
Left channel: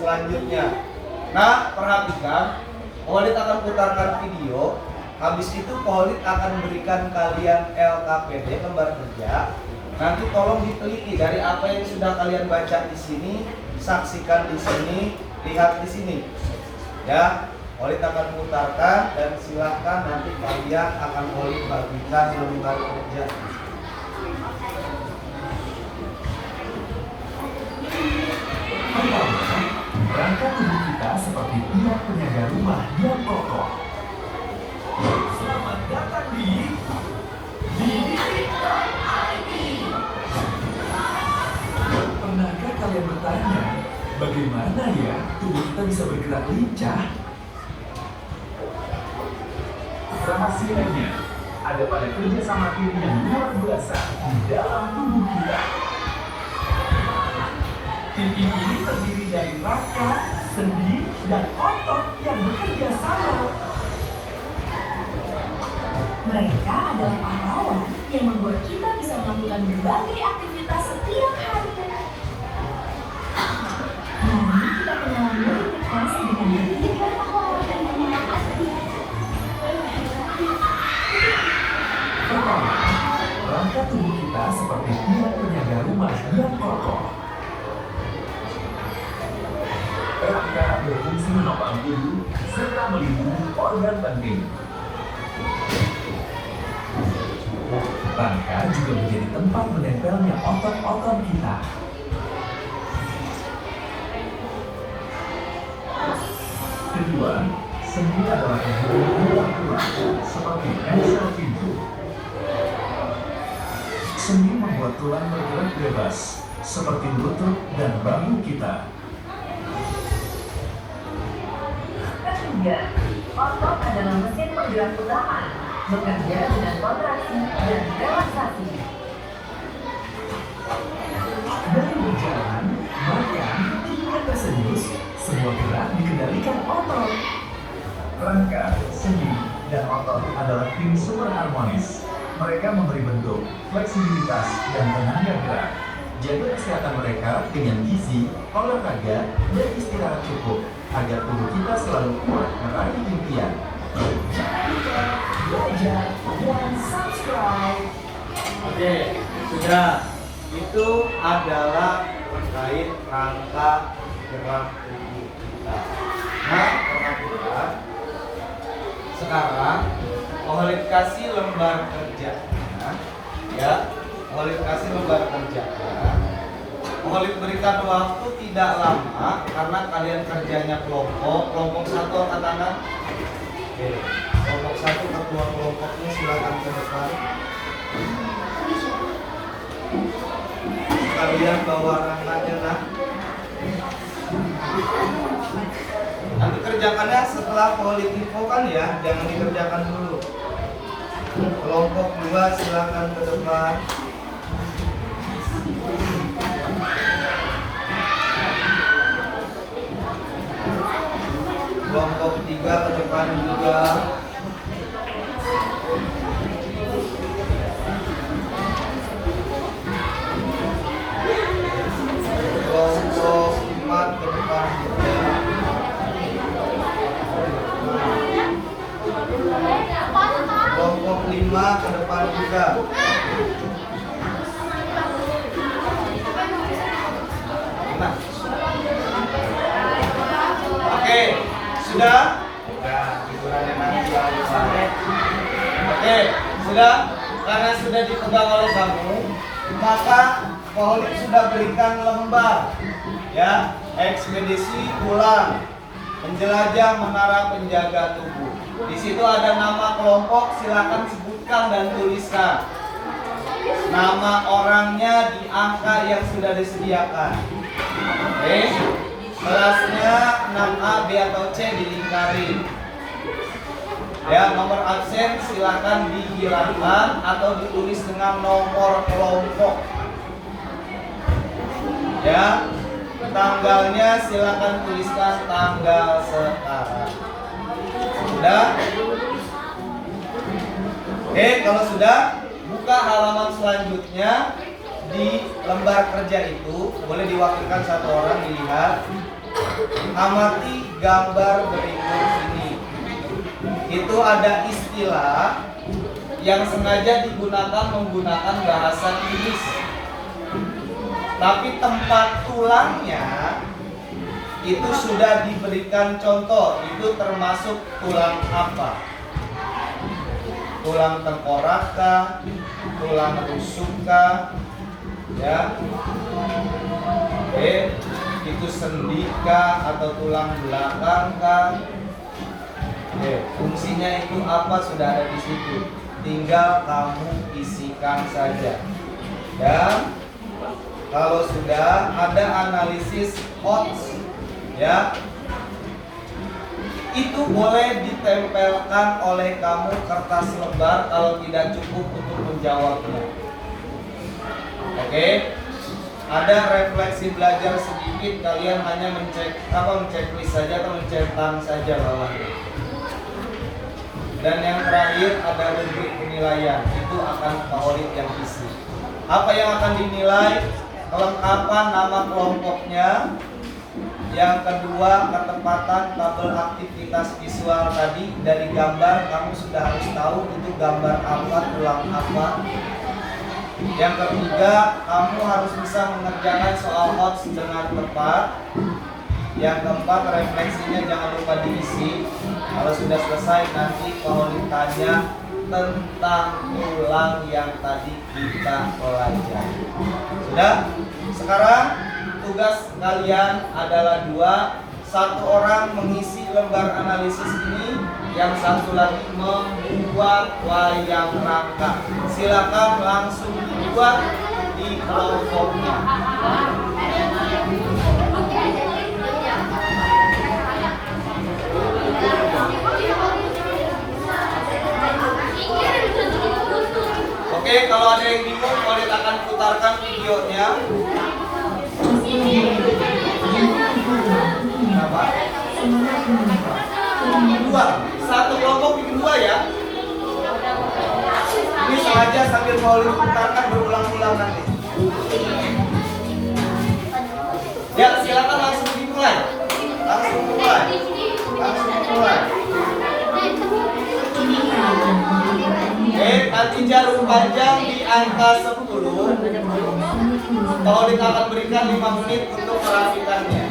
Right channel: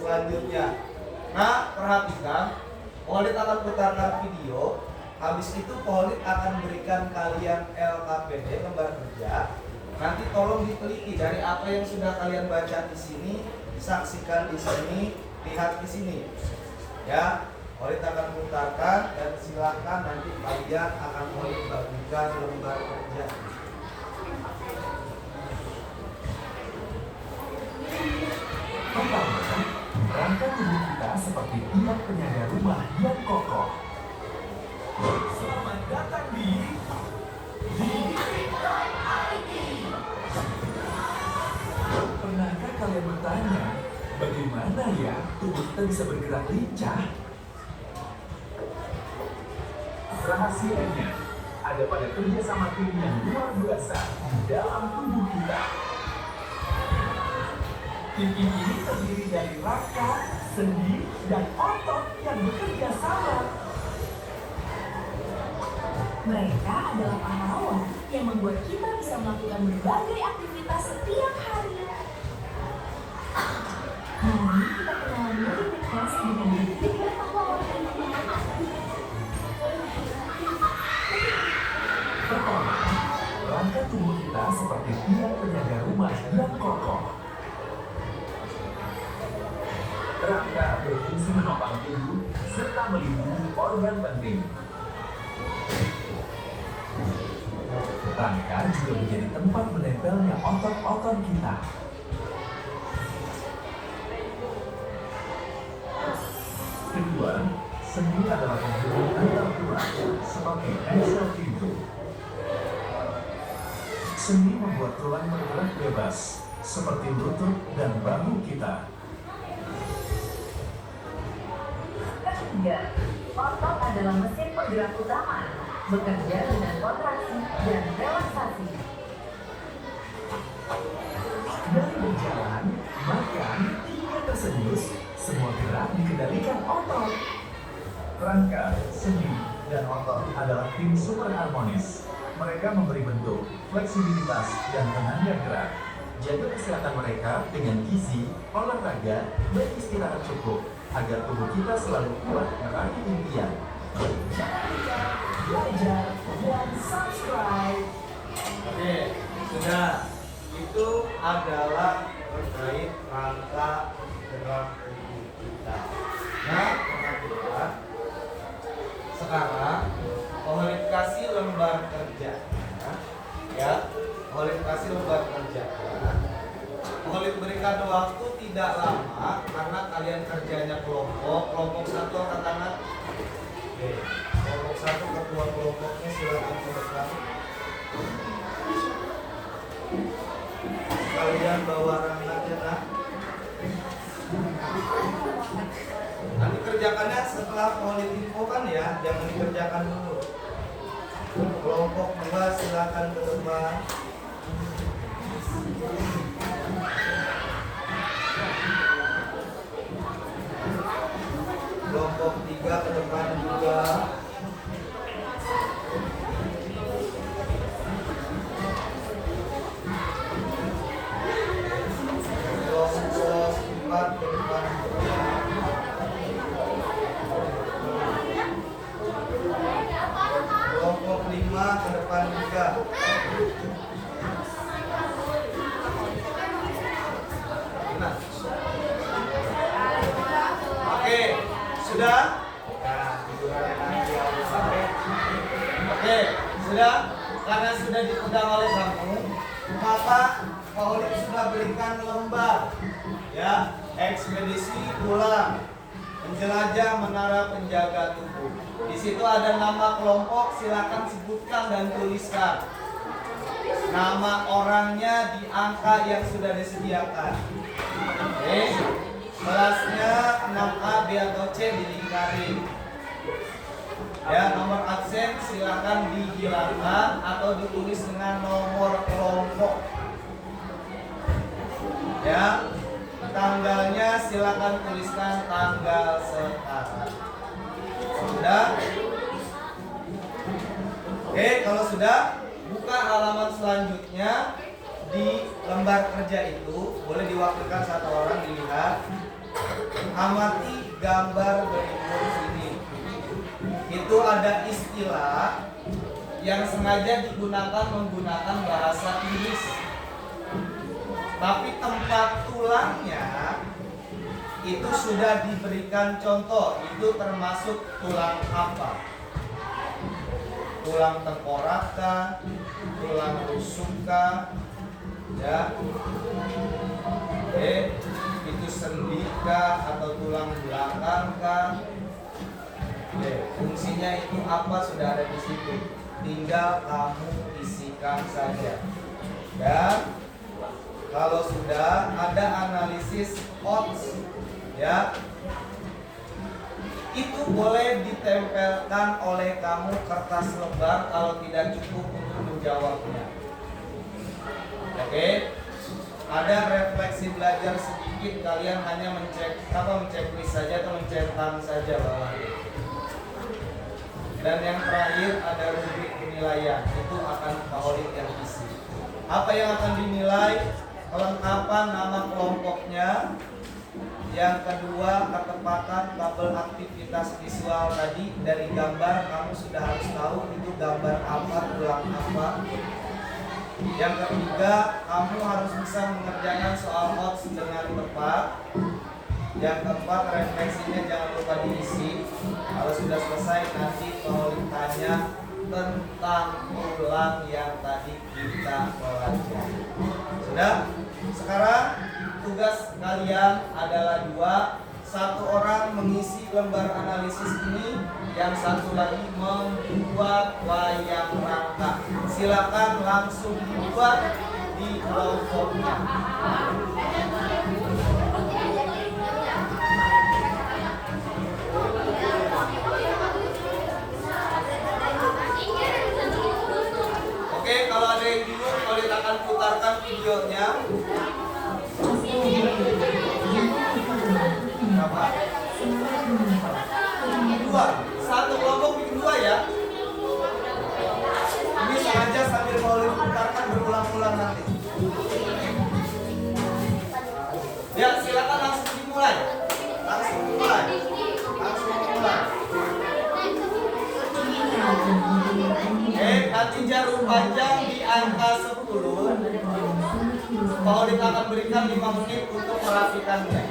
selanjutnya. Nah, perhatikan, Polit akan putarkan video. Habis itu Polit akan berikan kalian LKPD, lembar kerja. Nanti tolong diteliti dari apa yang sudah kalian baca di sini, saksikan di sini, lihat di sini. Ya, Polit akan putarkan dan silahkan nanti kalian akan Polit bagikan lembar kerja. Pertama, rangka tubuh kita seperti tiap penjaga rumah yang kokoh. Selamat datang di Didik.id. Pernahkah kalian bertanya, bagaimana ya tubuh kita bisa bergerak lincah? Rahasianya ada pada kerjasama tim yang luar biasa di dalam tubuh kita. Tim ini terdiri dari rangka, sendi, dan otot yang bekerja sama. Mereka adalah pahlawan yang membuat kita bisa melakukan berbagai aktivitas setiap hari. Mari kita kenalan lebih dekat dengan ketiga pahlawan ini. Pertama, rangka tubuh kita seperti tiap penjaga rumah yang kokoh. Rangka berfungsi menopang tubuh serta melindungi organ penting. Rangka juga menjadi tempat menempelnya otot-otot kita. Kedua, sendi adalah pembuluh tulang. membuat tulang bergerak bebas, seperti lutut dan bahu kita. Ketiga, otot adalah mesin penggerak utama, bekerja dengan kontraksi dan relaksasi. Dari berjalan, makan, hingga tersenyum, semua gerak dikendalikan otot. Rangka, sendi, dan otot adalah tim super harmonis. Mereka memberi bentuk, fleksibilitas, dan tenaga gerak. Jaga kesehatan mereka dengan gizi, olahraga, dan istirahat cukup agar tubuh kita selalu kuat meraih impian. Jangan lupa belajar dan subscribe. Oke, sudah. Itu adalah terkait rangka gerak tubuh kita. Nah, perhatikan. Sekarang Ohlid kasih lembar kerjanya, ya. Ohlid kasih lembar kerjanya. Ohlid berikan waktu tidak lama karena kalian kerjanya kelompok 1 angkat tangan. Oke, kelompok 1 ketua kelompoknya silakan ke depan. Kalian bawa rangkanya nah. Nanti kerjakannya setelah kan ya, jangan dikerjakan dulu. Kelompok 2 silakan ke depan. Kelompok 3 ke depan juga. Kelompok 4 ke depan juga. Kelompok 5 ke depan juga. Nah. Oke, sudah? Nah, hiburannya nanti sampai. Oke, sudah? Karena sudah dipegang oleh kamu, maka Ohlid sudah berikan lembar, ya, ekspedisi pulang, menjelajah menara penjaga tubuh. Di situ ada nama kelompok, silakan sebutkan dan tuliskan. Nama orangnya di angka yang sudah disediakan. Oke, kelasnya 6A, B atau C dilingkari. Ya, nomor absen silakan dihilangkan atau ditulis dengan nomor kelompok. Ya, tanggalnya silakan tuliskan tanggal sekarang. Sudah? Oke, kalau sudah, buka halaman selanjutnya. Di lembar kerja itu boleh diwakilkan 1 orang dilihat. Amati gambar berikut ini. Itu ada istilah yang sengaja digunakan menggunakan bahasa Inggris. Tapi tempat tulangnya itu sudah diberikan contoh. Itu termasuk tulang apa? Tulang tengkorak kah? Tulang rusuk kah? Ya. Oke, itu sendi kah atau tulang belakang kah? Oke, fungsinya itu apa sudah ada di situ. Tinggal kamu isikan saja. Dan kalau sudah ada analisis odds, ya, itu boleh ditempelkan oleh kamu kertas lebar kalau tidak cukup untuk menjawabnya. Oke, ada refleksi belajar sedikit, kalian hanya menceklis saja atau mencetak saja bawahnya. Dan yang terakhir ada rubrik penilaian, itu akan Ohlid yang isi. Apa yang akan dinilai? Kelengkapan nama kelompoknya. Yang kedua, ketepatan tabel aktivitas visual tadi. Dari gambar kamu sudah harus tahu itu gambar apa, tulang apa. Yang ketiga, kamu harus bisa mengerjakan soal odds dengan tepat. Yang keempat, refleksinya jangan lupa diisi. Kalau sudah selesai nanti kalau ditanya tentang tulang yang tadi kita pelajari. Sudah? Sekarang tugas kalian adalah 2. 1 orang mengisi lembar analisis ini, yang satu lagi membuat wayang rangka. Silakan langsung dibuat di di kelompoknya. Oke, kalau ada yang bingung, Khalid akan putarkan videonya. Kenapa? Dua, satu kelompok bikin dua ya. Ini sengaja sambil Khalid putarkan berulang-ulang nanti. Ya, silakan langsung dimulai. Langsung mulai. Langsung mulai. Nanti jarum panjang di angka 10. Khalid akan berikan 5 menit untuk merapikannya.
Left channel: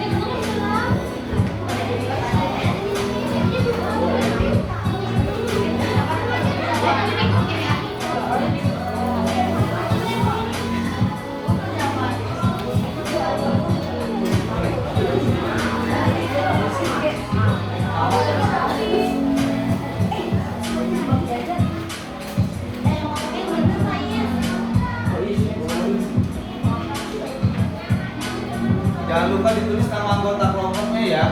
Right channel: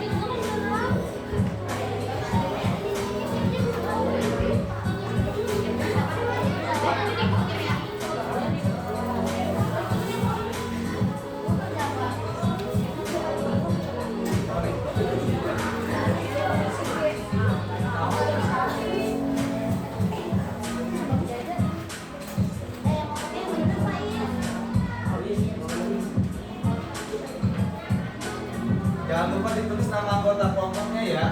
Jangan lupa ditulis nama anggota kelompoknya ya.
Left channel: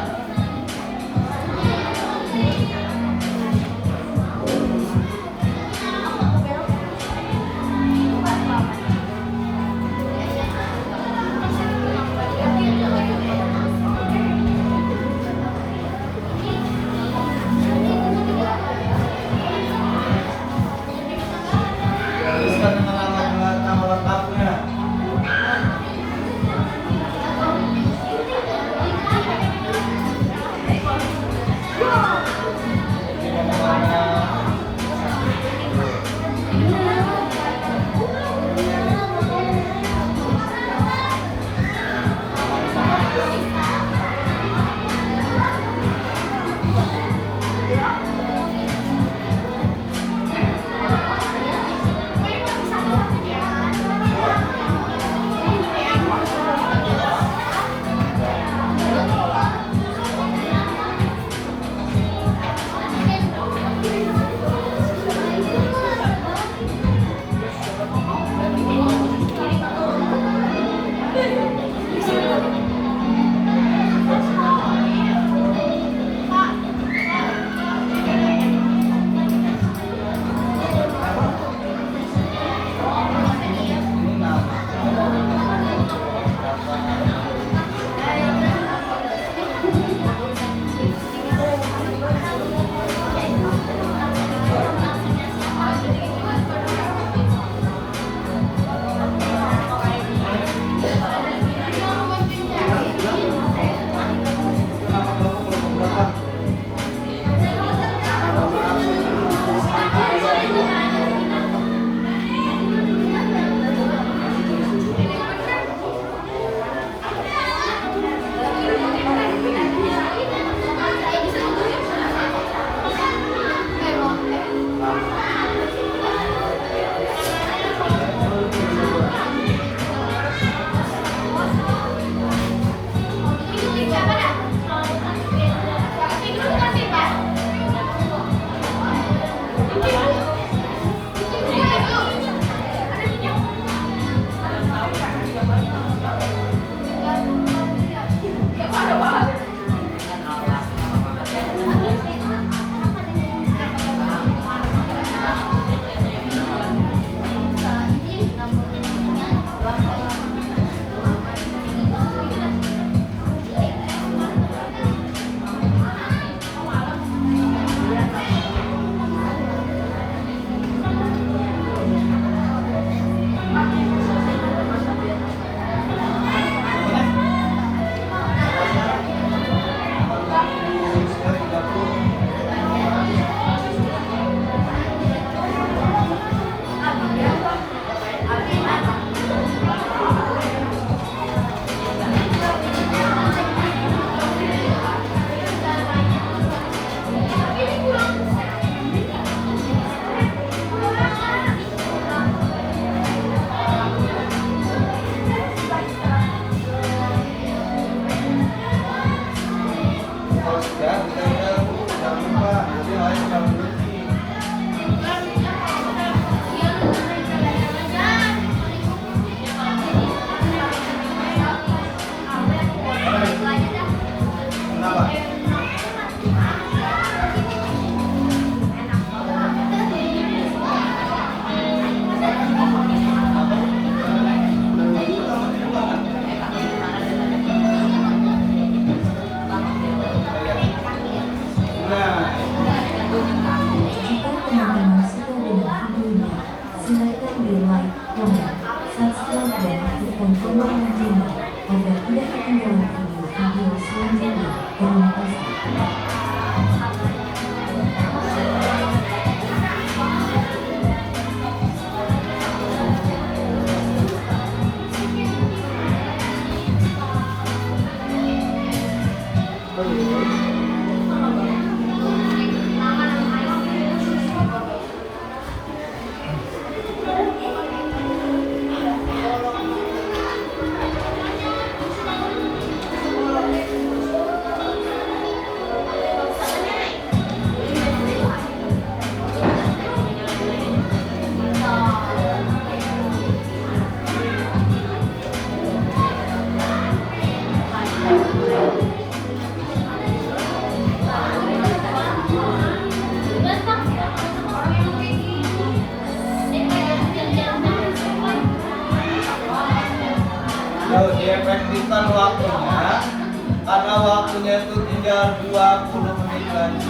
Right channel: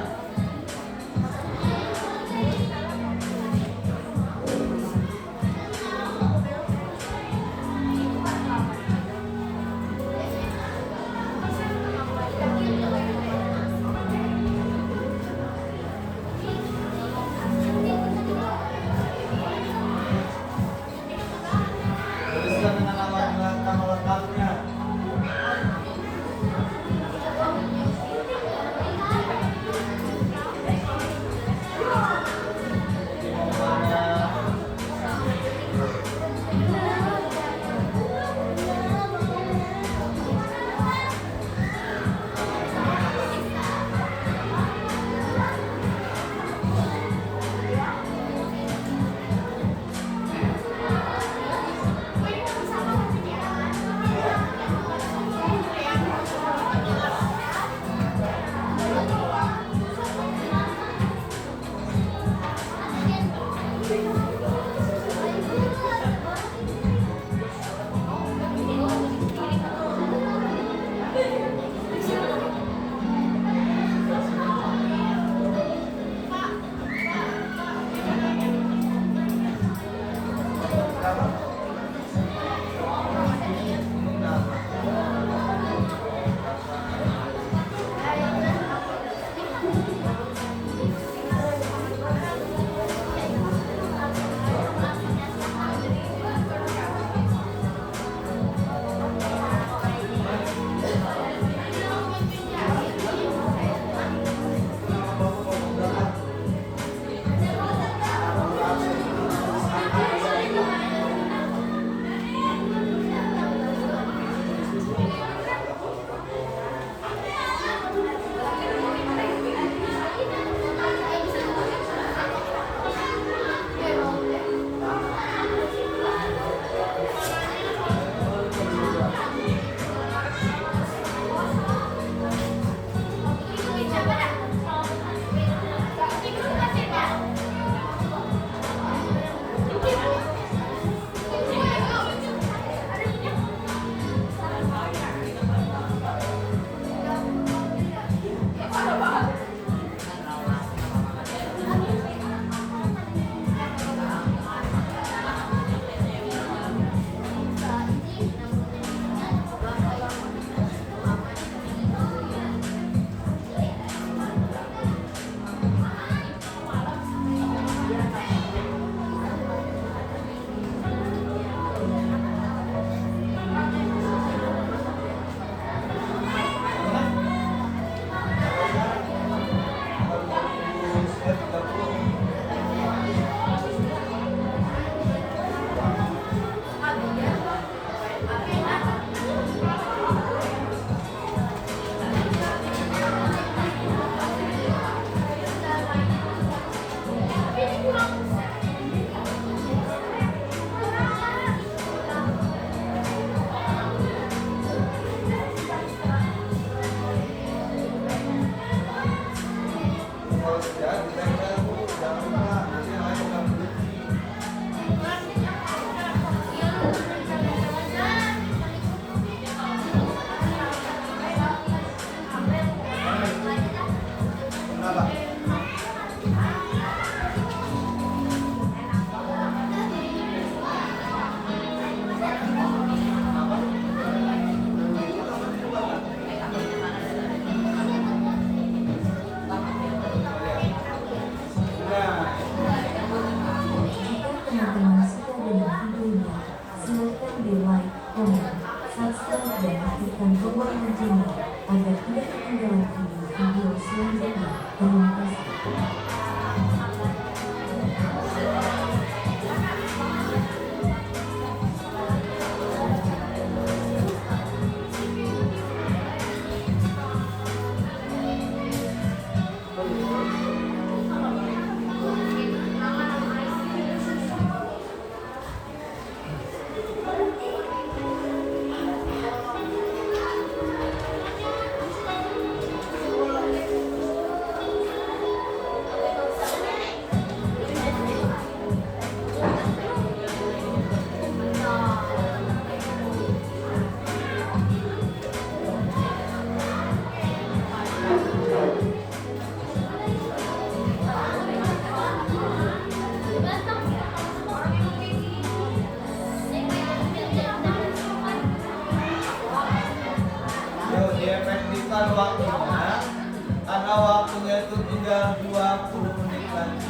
tinggal 20 menit lagi.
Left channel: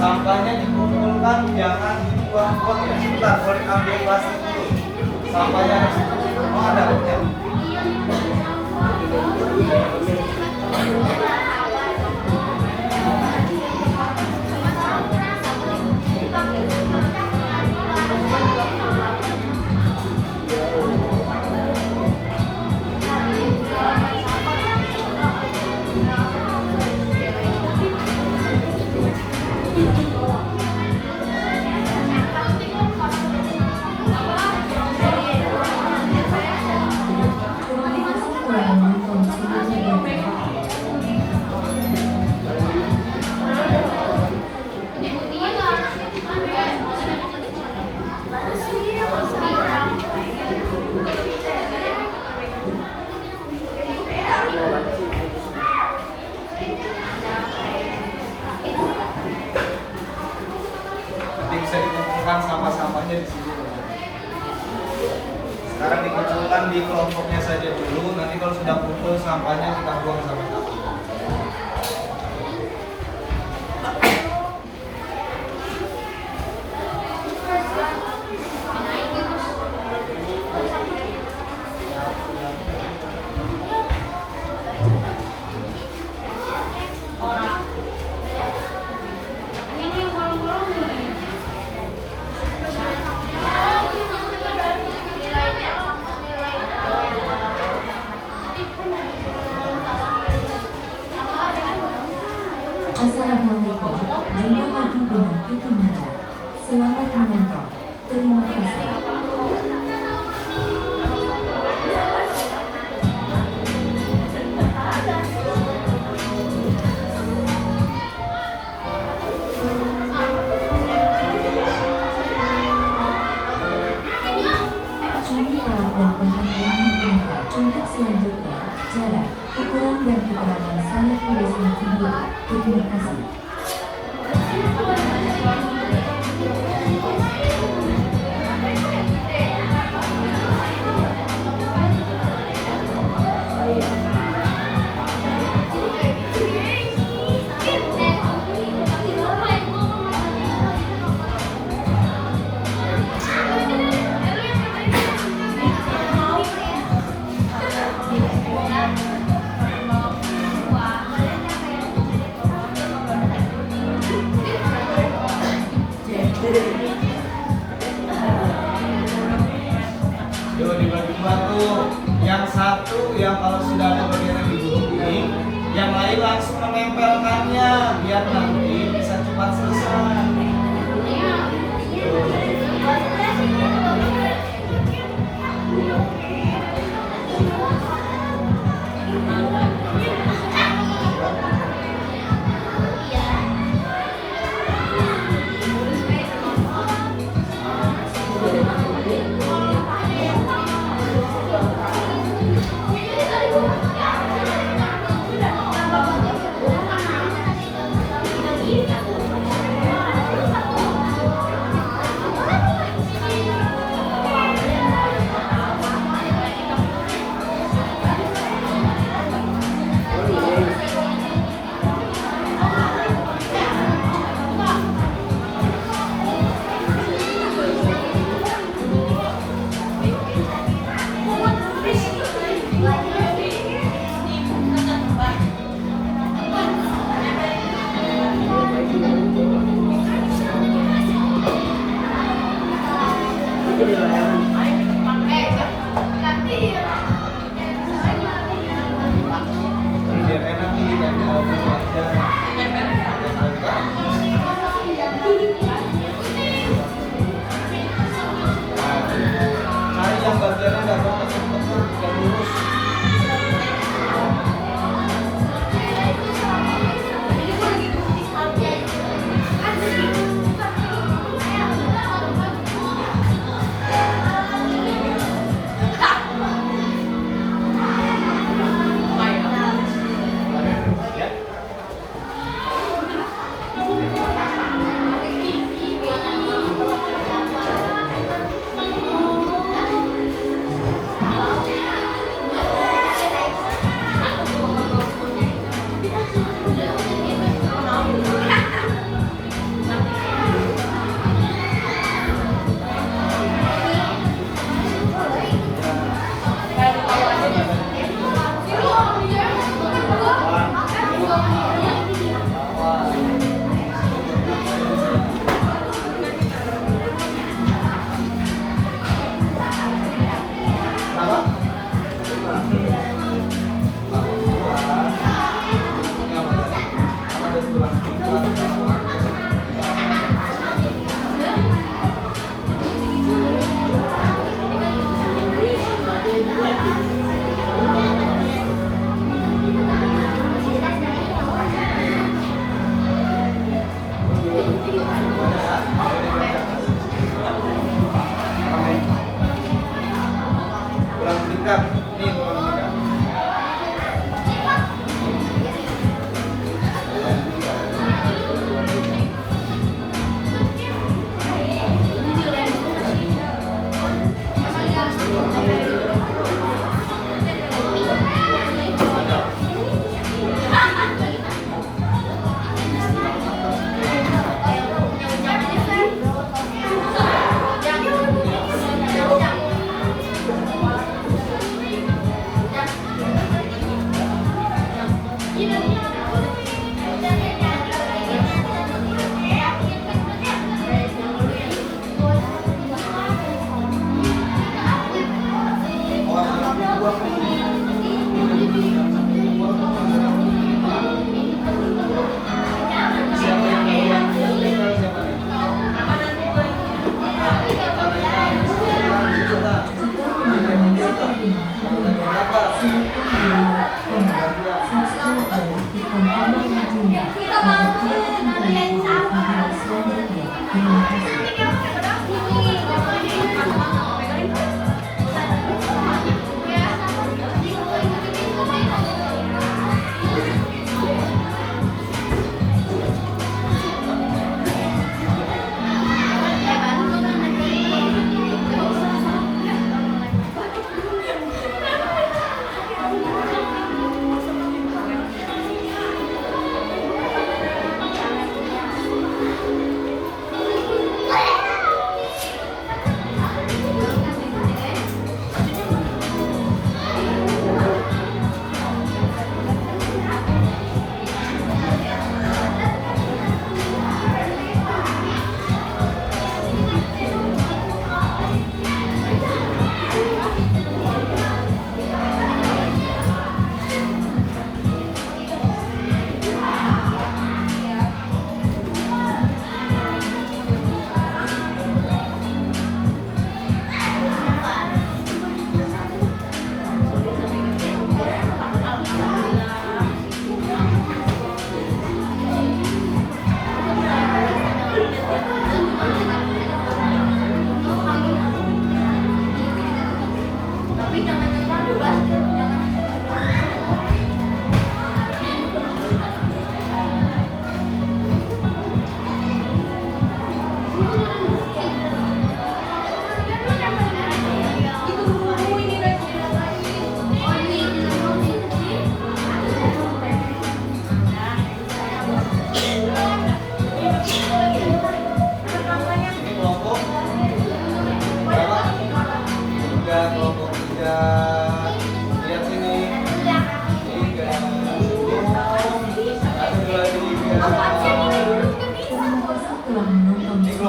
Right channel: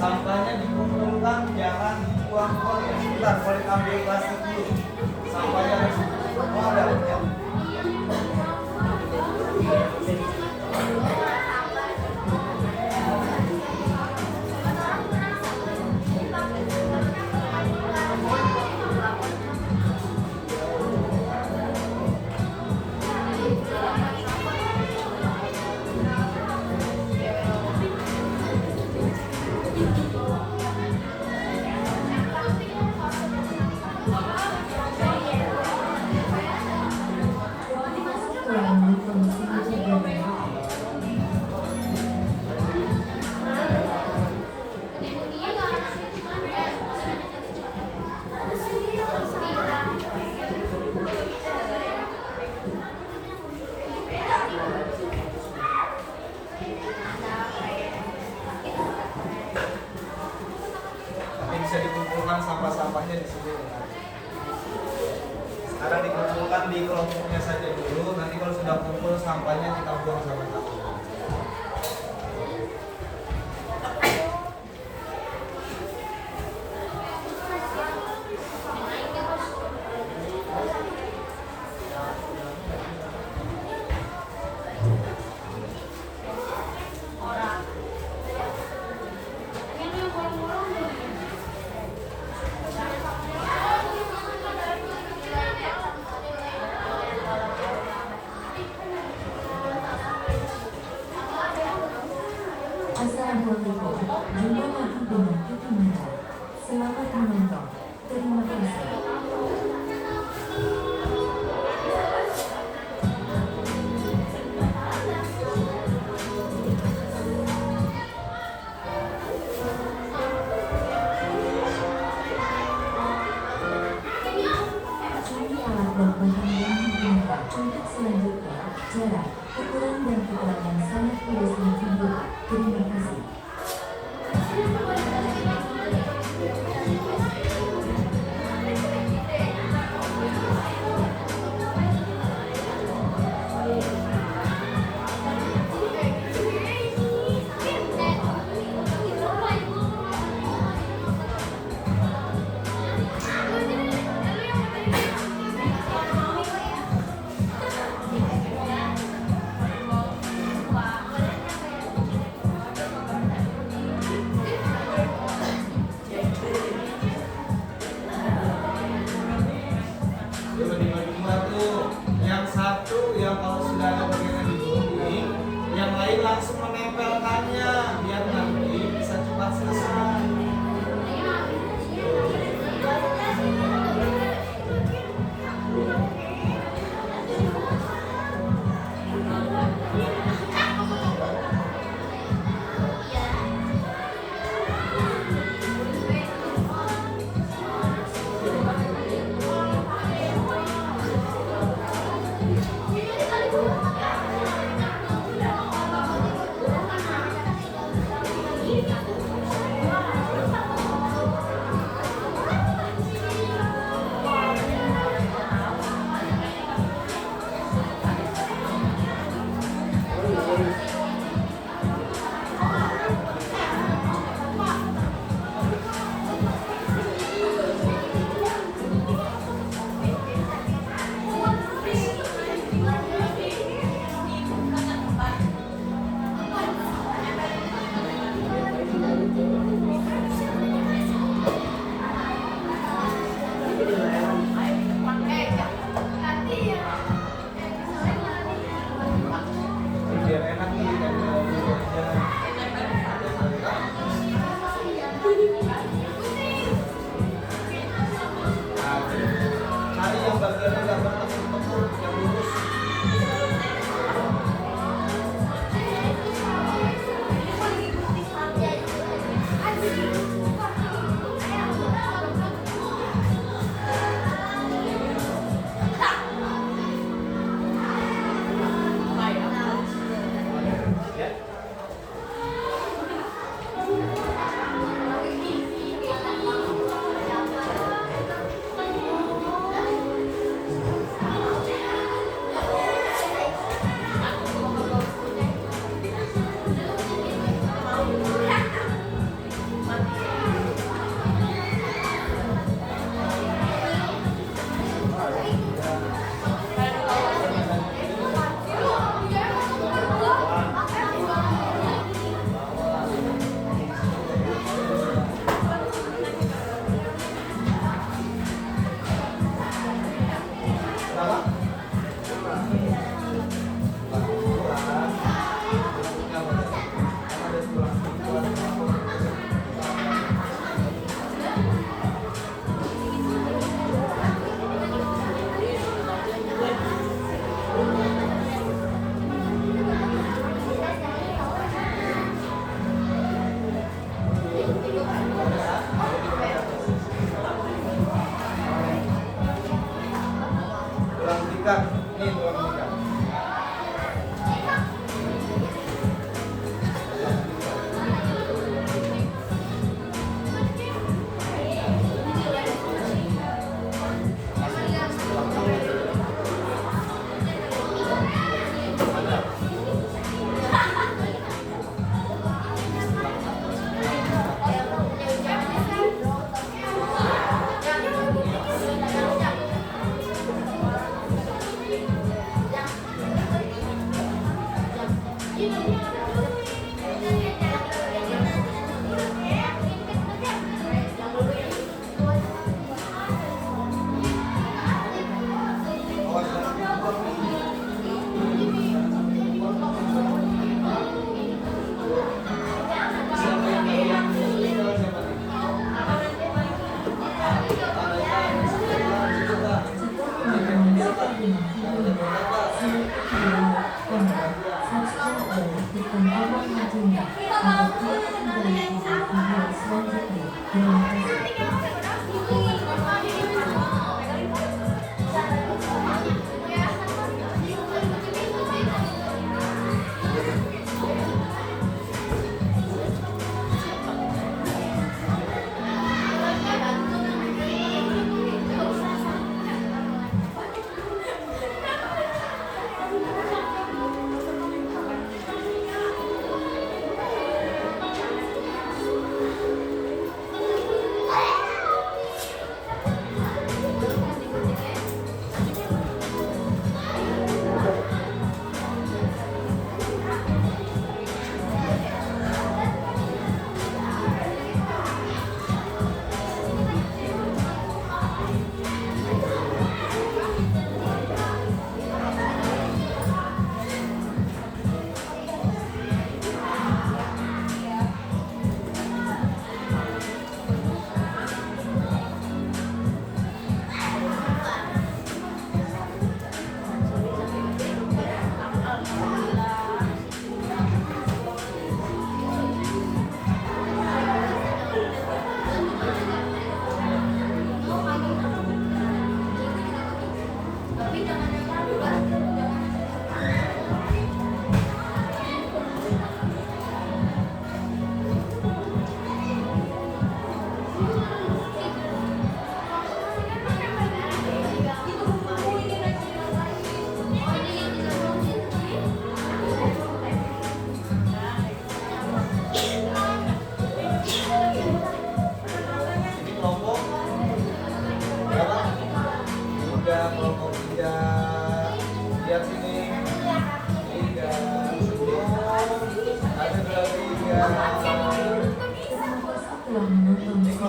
Sampahnya dikumpulkan, jangan dibuang-buang ya. Sebentar, boleh ambil plastik dulu. Sampahnya harus dikumpulkan. Oh, ada ya. Nanti bisa dikumpulkan sampah-sampahnya di sini. Sekarang dikumpulkan di kelompoknya saja dulu. Nanti kalau sudah kumpul sampahnya kita buang sama-sama.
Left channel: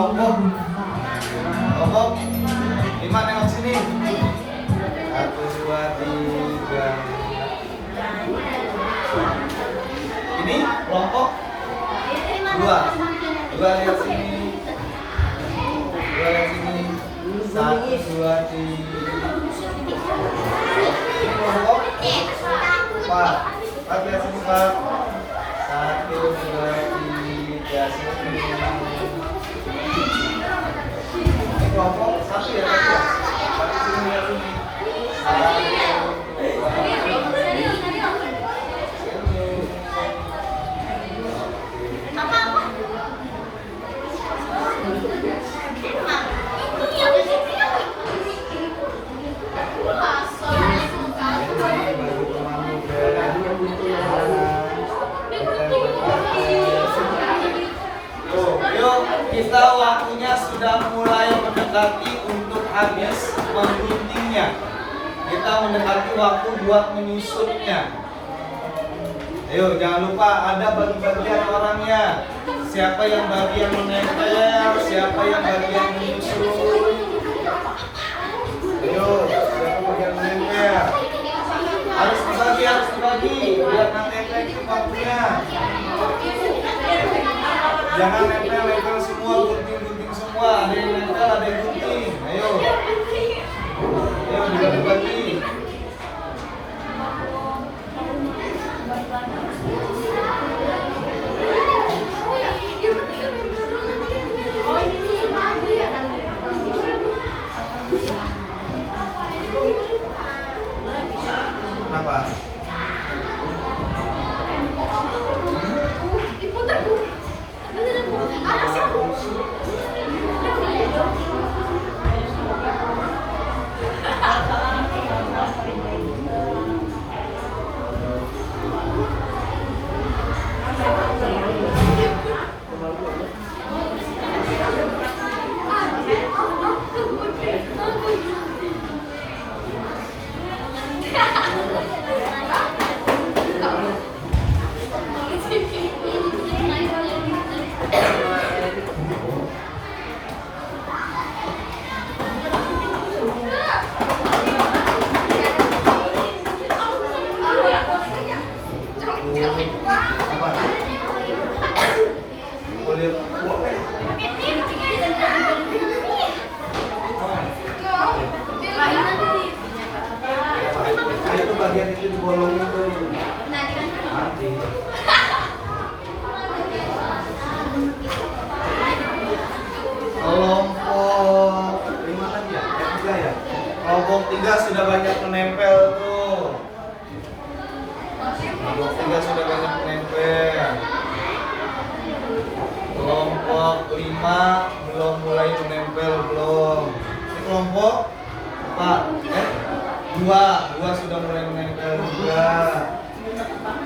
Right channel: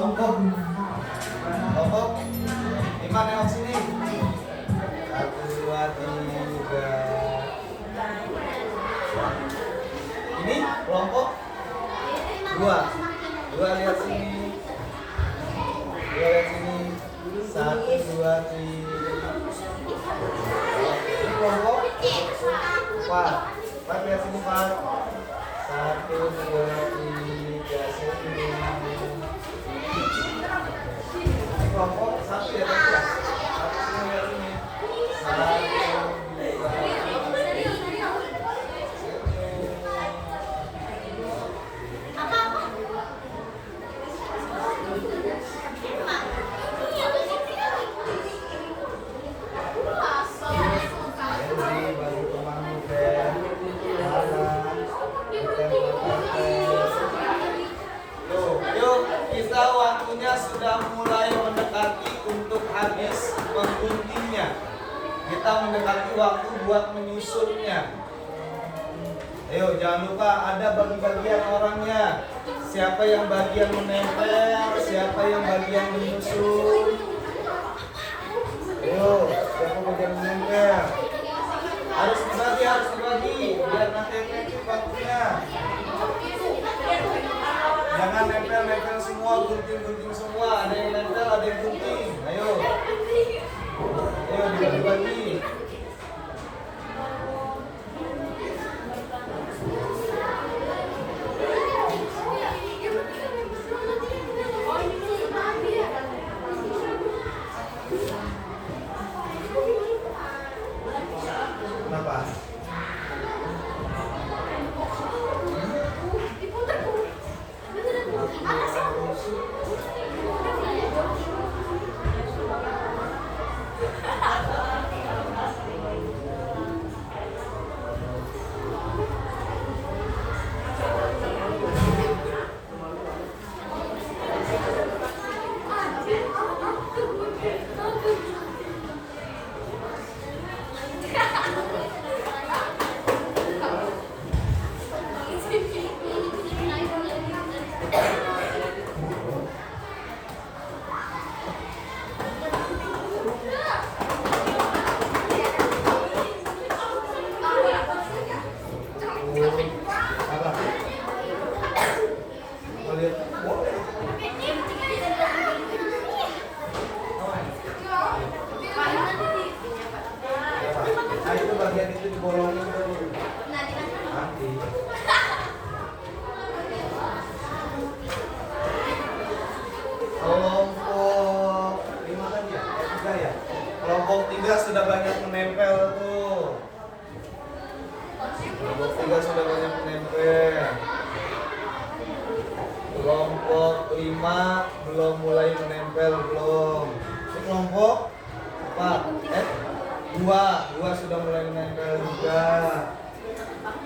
kelompok. Kelompok 5 nengok sini. 1, 2, 3. Ini kelompok 2. 2 lihat sini. 2 lihat sini. 1, 2, 3. Ini kelompok 4. 4 lihat sini, Pak. 1, 2, 3 sini. Ini kelompok 1 ya, Pak. Sini lihat sini. 1, 2, 3. Yuk, kita waktunya sudah mulai mendekati untuk habis mengguntingnya. Kita mendekati waktu buat menyusutnya. Ayo, jangan lupa ada bagi-bagian orangnya. Siapa yang bagian menempel, siapa yang bagian menyusun. Ayo, siapa bagian menempel? Harus dibagi, biar nanti efektif waktunya. Jangan nempel semua, gunting semua. Ada yang nempel, ada yang gunting. Ayo, dibagi-bagi. Kenapa? Apa? Boleh. Nah, itu bagian itu dibolongin tuh. Nanti. Kelompok 5 kan ya? 3 ya? Kelompok 3 sudah banyak menempel tuh. Kelompok 3 sudah banyak menempel. Kelompok 5 belum mulai menempel, belum. Ini kelompok 2 sudah mulai menempel juga.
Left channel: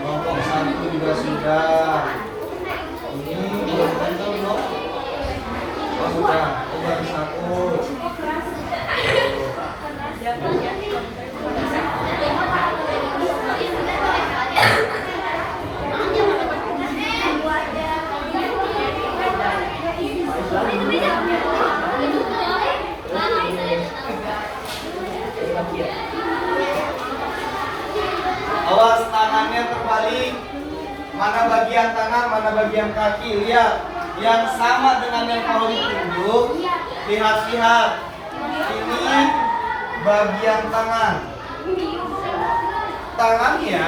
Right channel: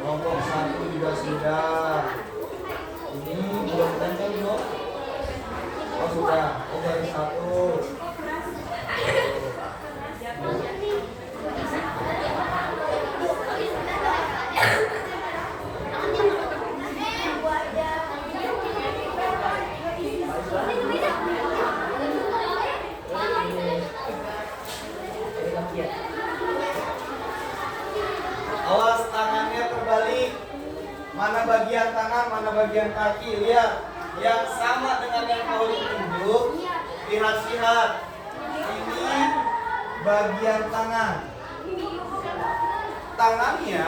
Kelompok 1 juga sudah. Ini belum menempel belum? Oh sudah, baru 1. Awas tangannya terbalik. Mana bagian tangan, mana bagian kaki. Lihat, yang sama dengan yang kau tunjuk. Lihat. Ini bagian tangan. Tangannya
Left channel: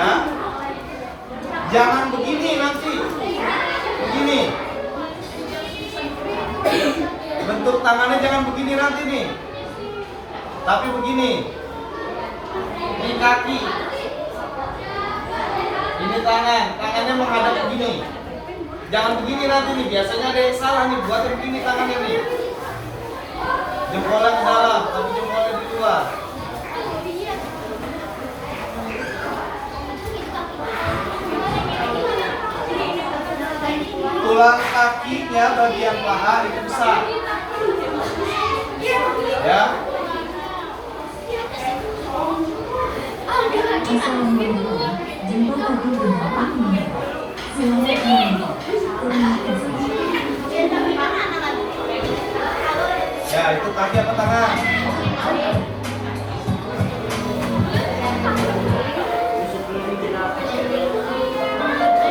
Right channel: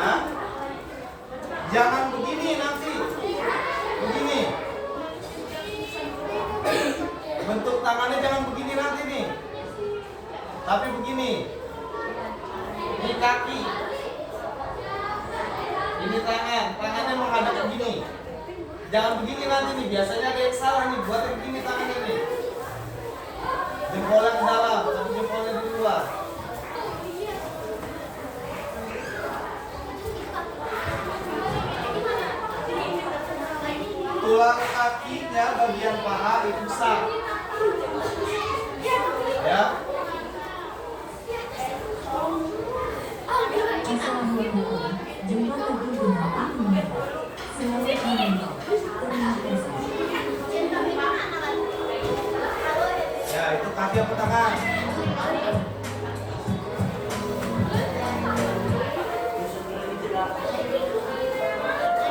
jangan begini nanti. Begini. Bentuk tangannya jangan begini nanti nih. Tapi begini. Ini kaki. Ini tangannya menghadap begini. Jangan begini nanti nih, biasanya ada yang salah nih, buat yang begini tangannya nih. Jempolnya ke dalam, tapi jempolnya di luar. Tulang kakinya bagian paha dipisah. Ya. Assalamualaikum. Jika bagi berapa ini? Selamat menonton. Terima kasih. Ya, itu kaki apa tangan?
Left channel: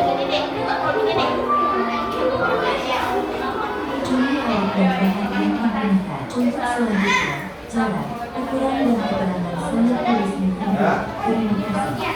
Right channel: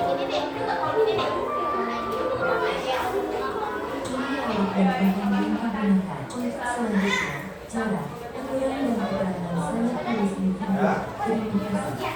Ini awal dan yang diperintah untuk selanjutnya. Jalan, ukuran dan keterangan sangat tulis di video. Terima kasih.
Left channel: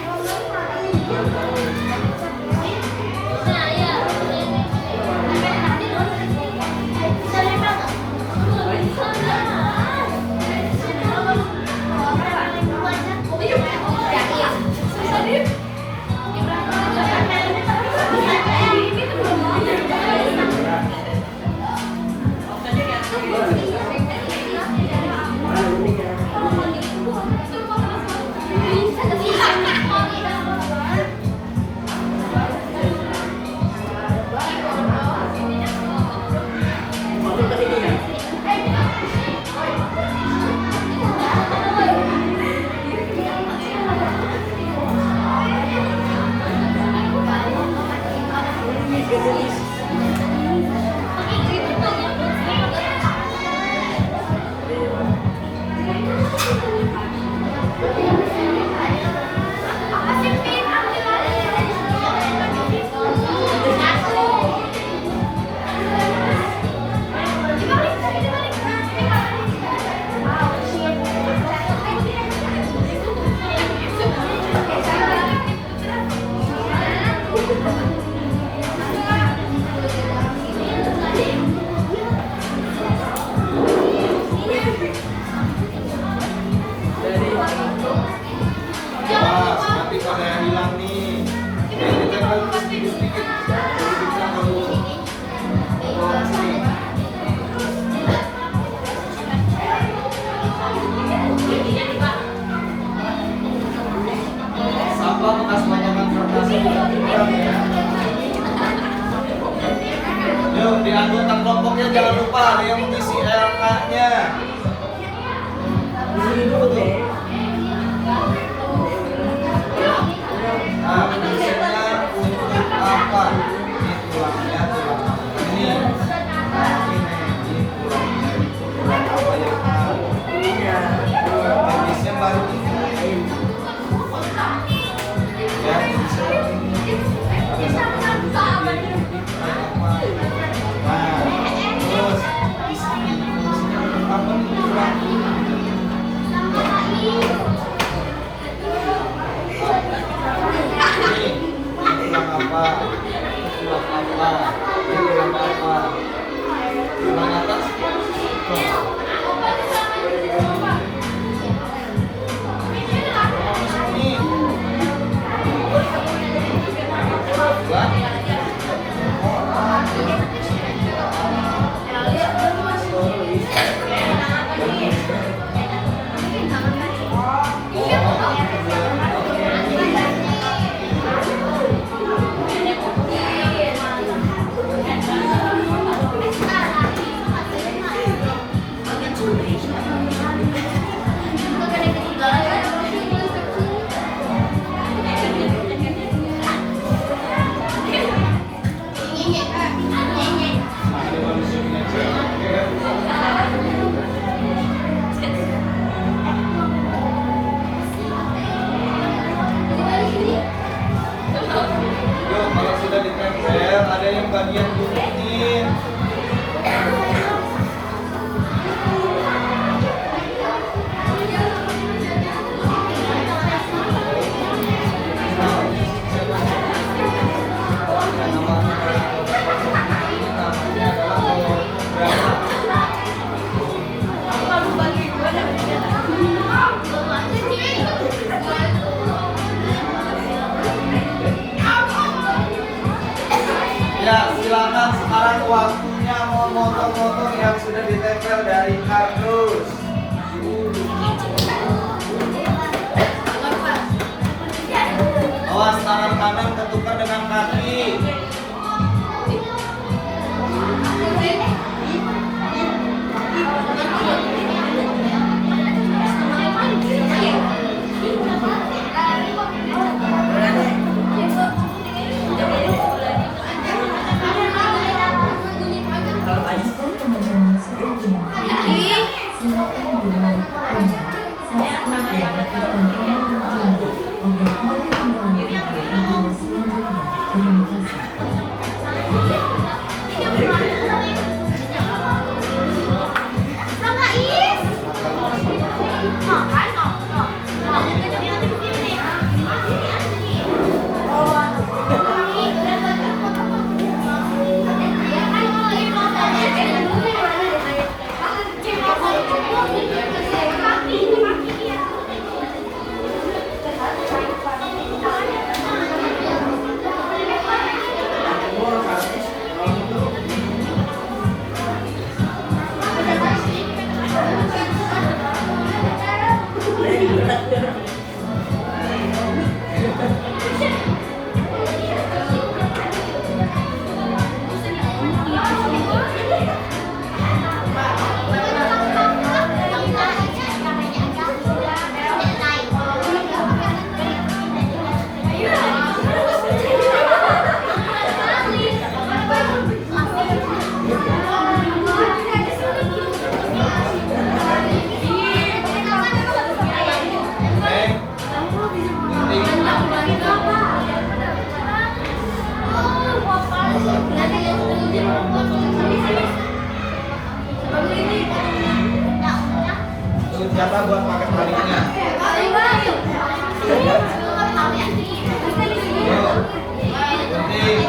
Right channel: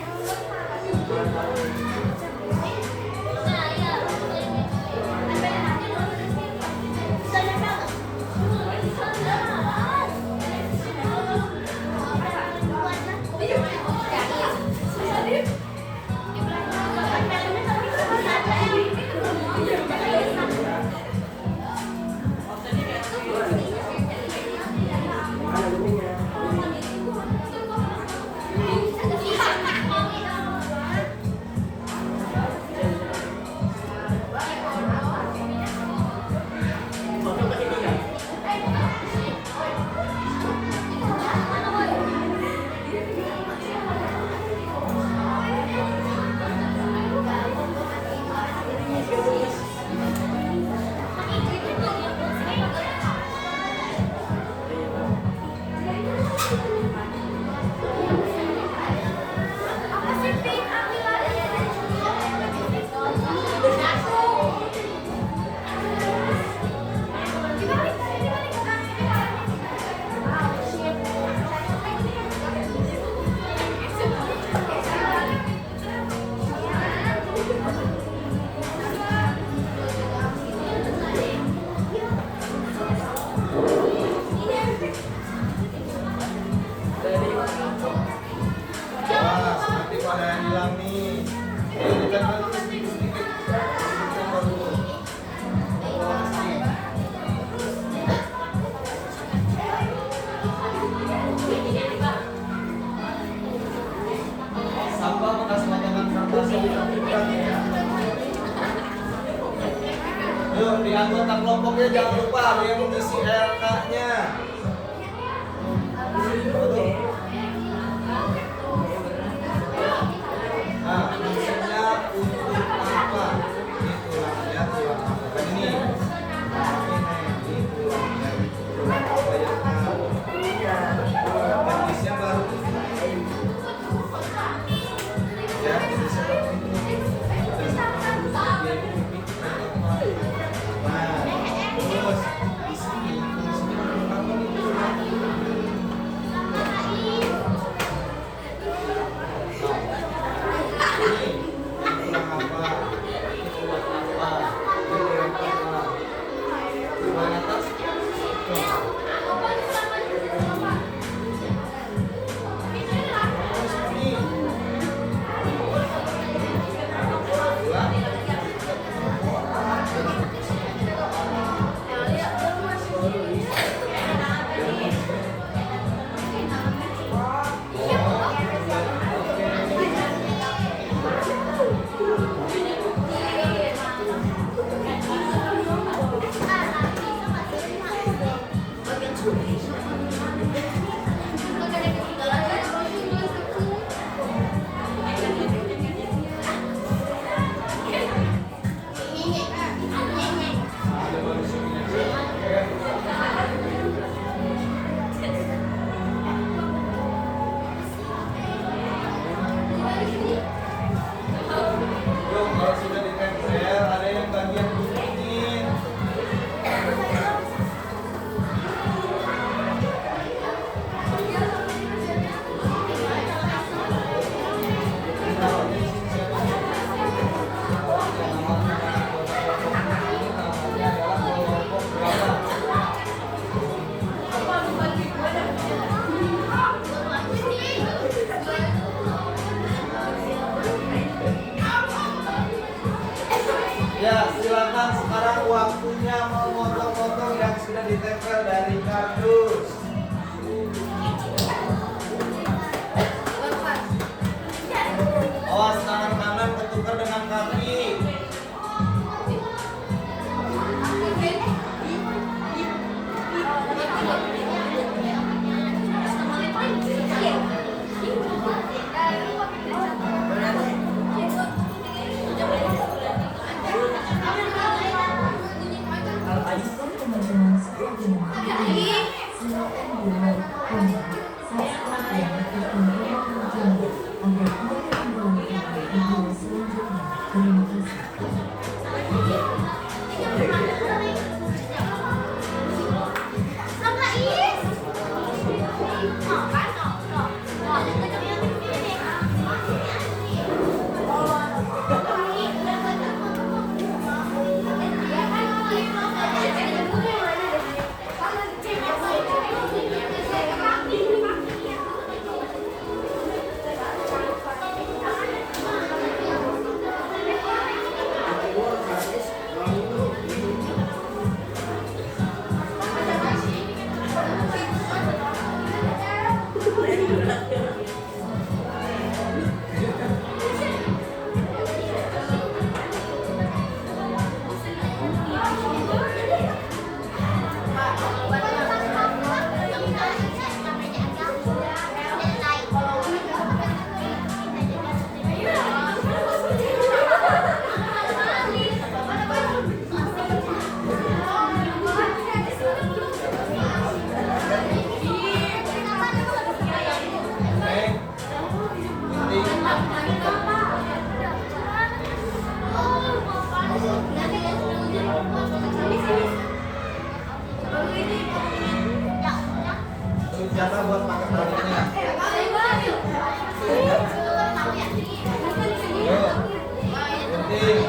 Wah, nanti pada yang hilang nih. Ini kan dulu sedikit. Ini dulu. Oh, sini. Sampah bekas potongan kertas dikurang ya. Yuk, di anggota kelompoknya jangan lupa ada yang mengisi LK-nya. Nah, fungsinya untuk apa? Ini tulangnya, tulang apa? Ini. Nah, ini tulangnya, tulang apa yang jenisnya baru ini. Ya, bisa ini. Ada satu nah, terus di sini fungsinya untuk apa nih tulang? jatah buat pakai talinya. Yuk, penting.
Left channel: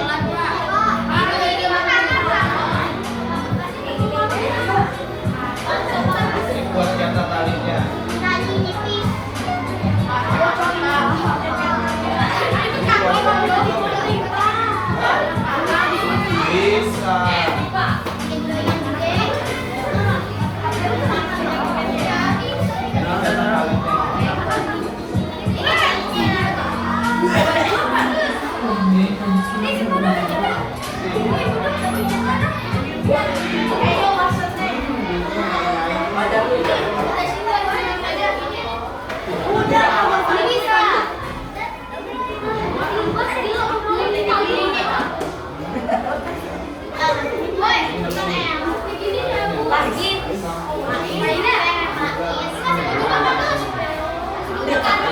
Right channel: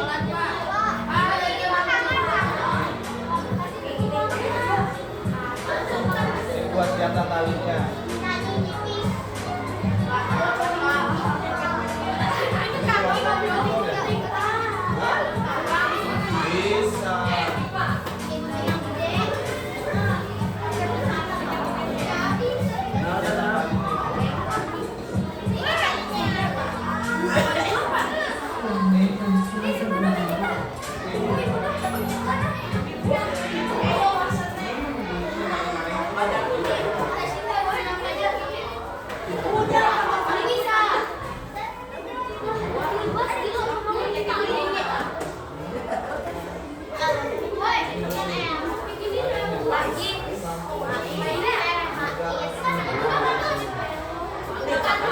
Ini buat jatah talinya. Bisa. Menggunakan suara berbeda.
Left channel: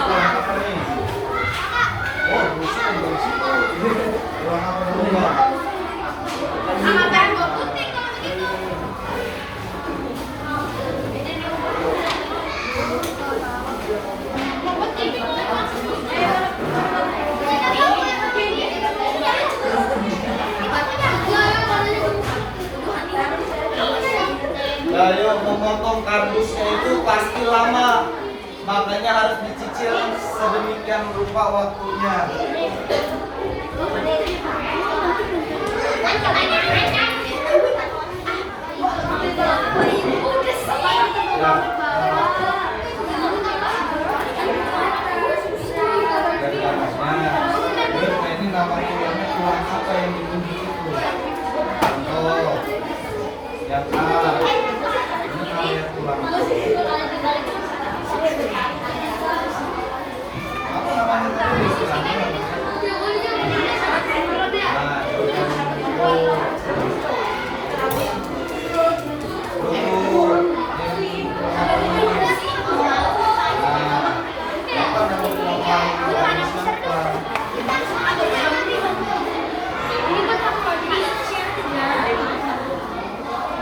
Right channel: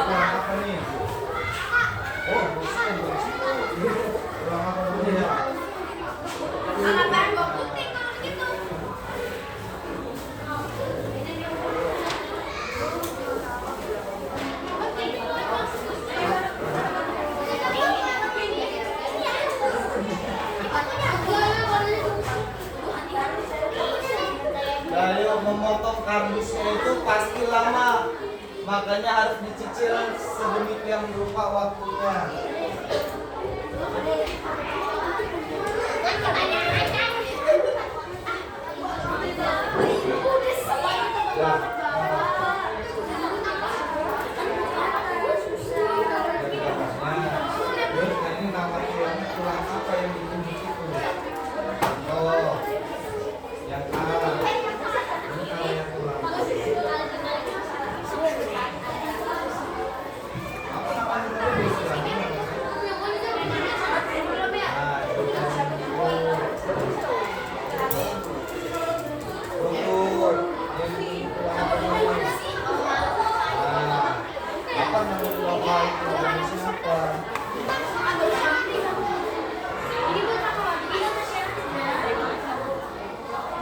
Apa nih? Oh, rusak dari situ. Ruang apa dulu, Mbak? Nah, yuk, memotong kardusnya itu pasti lama, makanya harus dicicil sedemikian rupa waktunya. Ya. Dari atasnya. Terus nah ini nama kuliahnya tulang apa yang ditunjuk itu? Contoh. Yang A. Ini kuliah tulang. Apa namanya tadi istilahnya?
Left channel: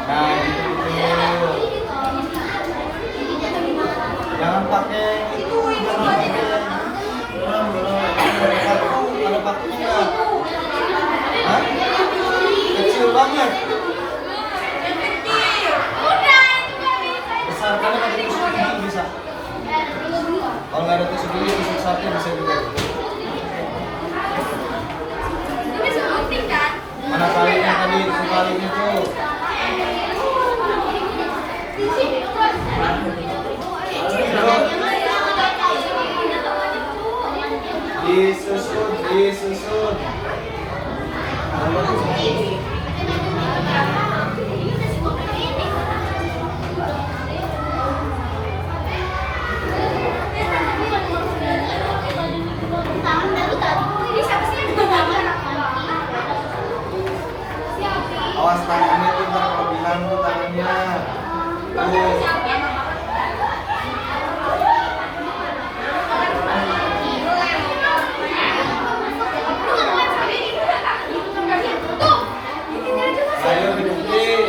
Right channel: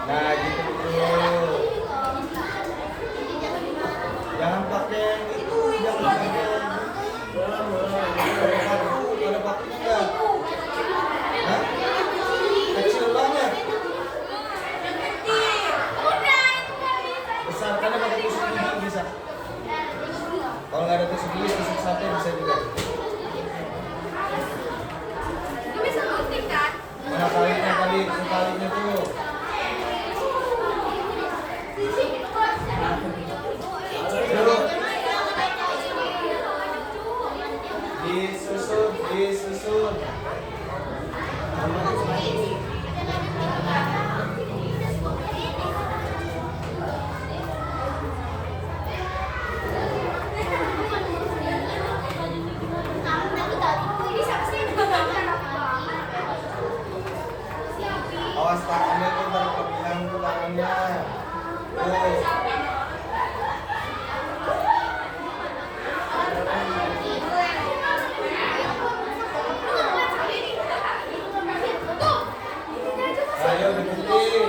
Nah, jangan pakai itu, jangan pakai ada pakainya enggak? Hah? Kecil banget. Besarkannya pakai tusuk gigi bisa. Kalau nggak ada tusuk gigi, tusuk sate bisa juga. Mana talinya tadi? Talinya tuh. Disusun, disusun. Awas tangannya tuh berlebihan tuh tangannya. Tuh. Ayo dibukin.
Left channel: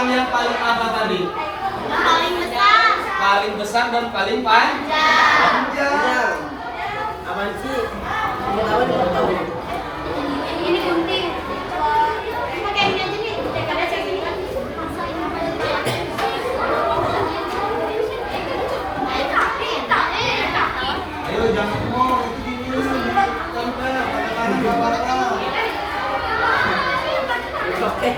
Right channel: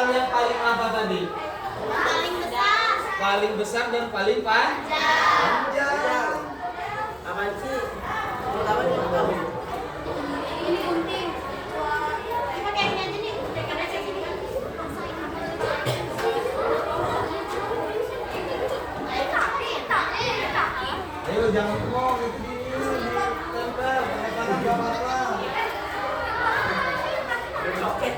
Tulang yang paling apa tadi? Paling besar. Paling besar dan paling panjang. Apaan sih? Ini gunting. Pakai ini aja nih. Karena saya sini kan. Ayo jangan ngomong itu gini. Kadang-kadang nggak apa-apa. Oke.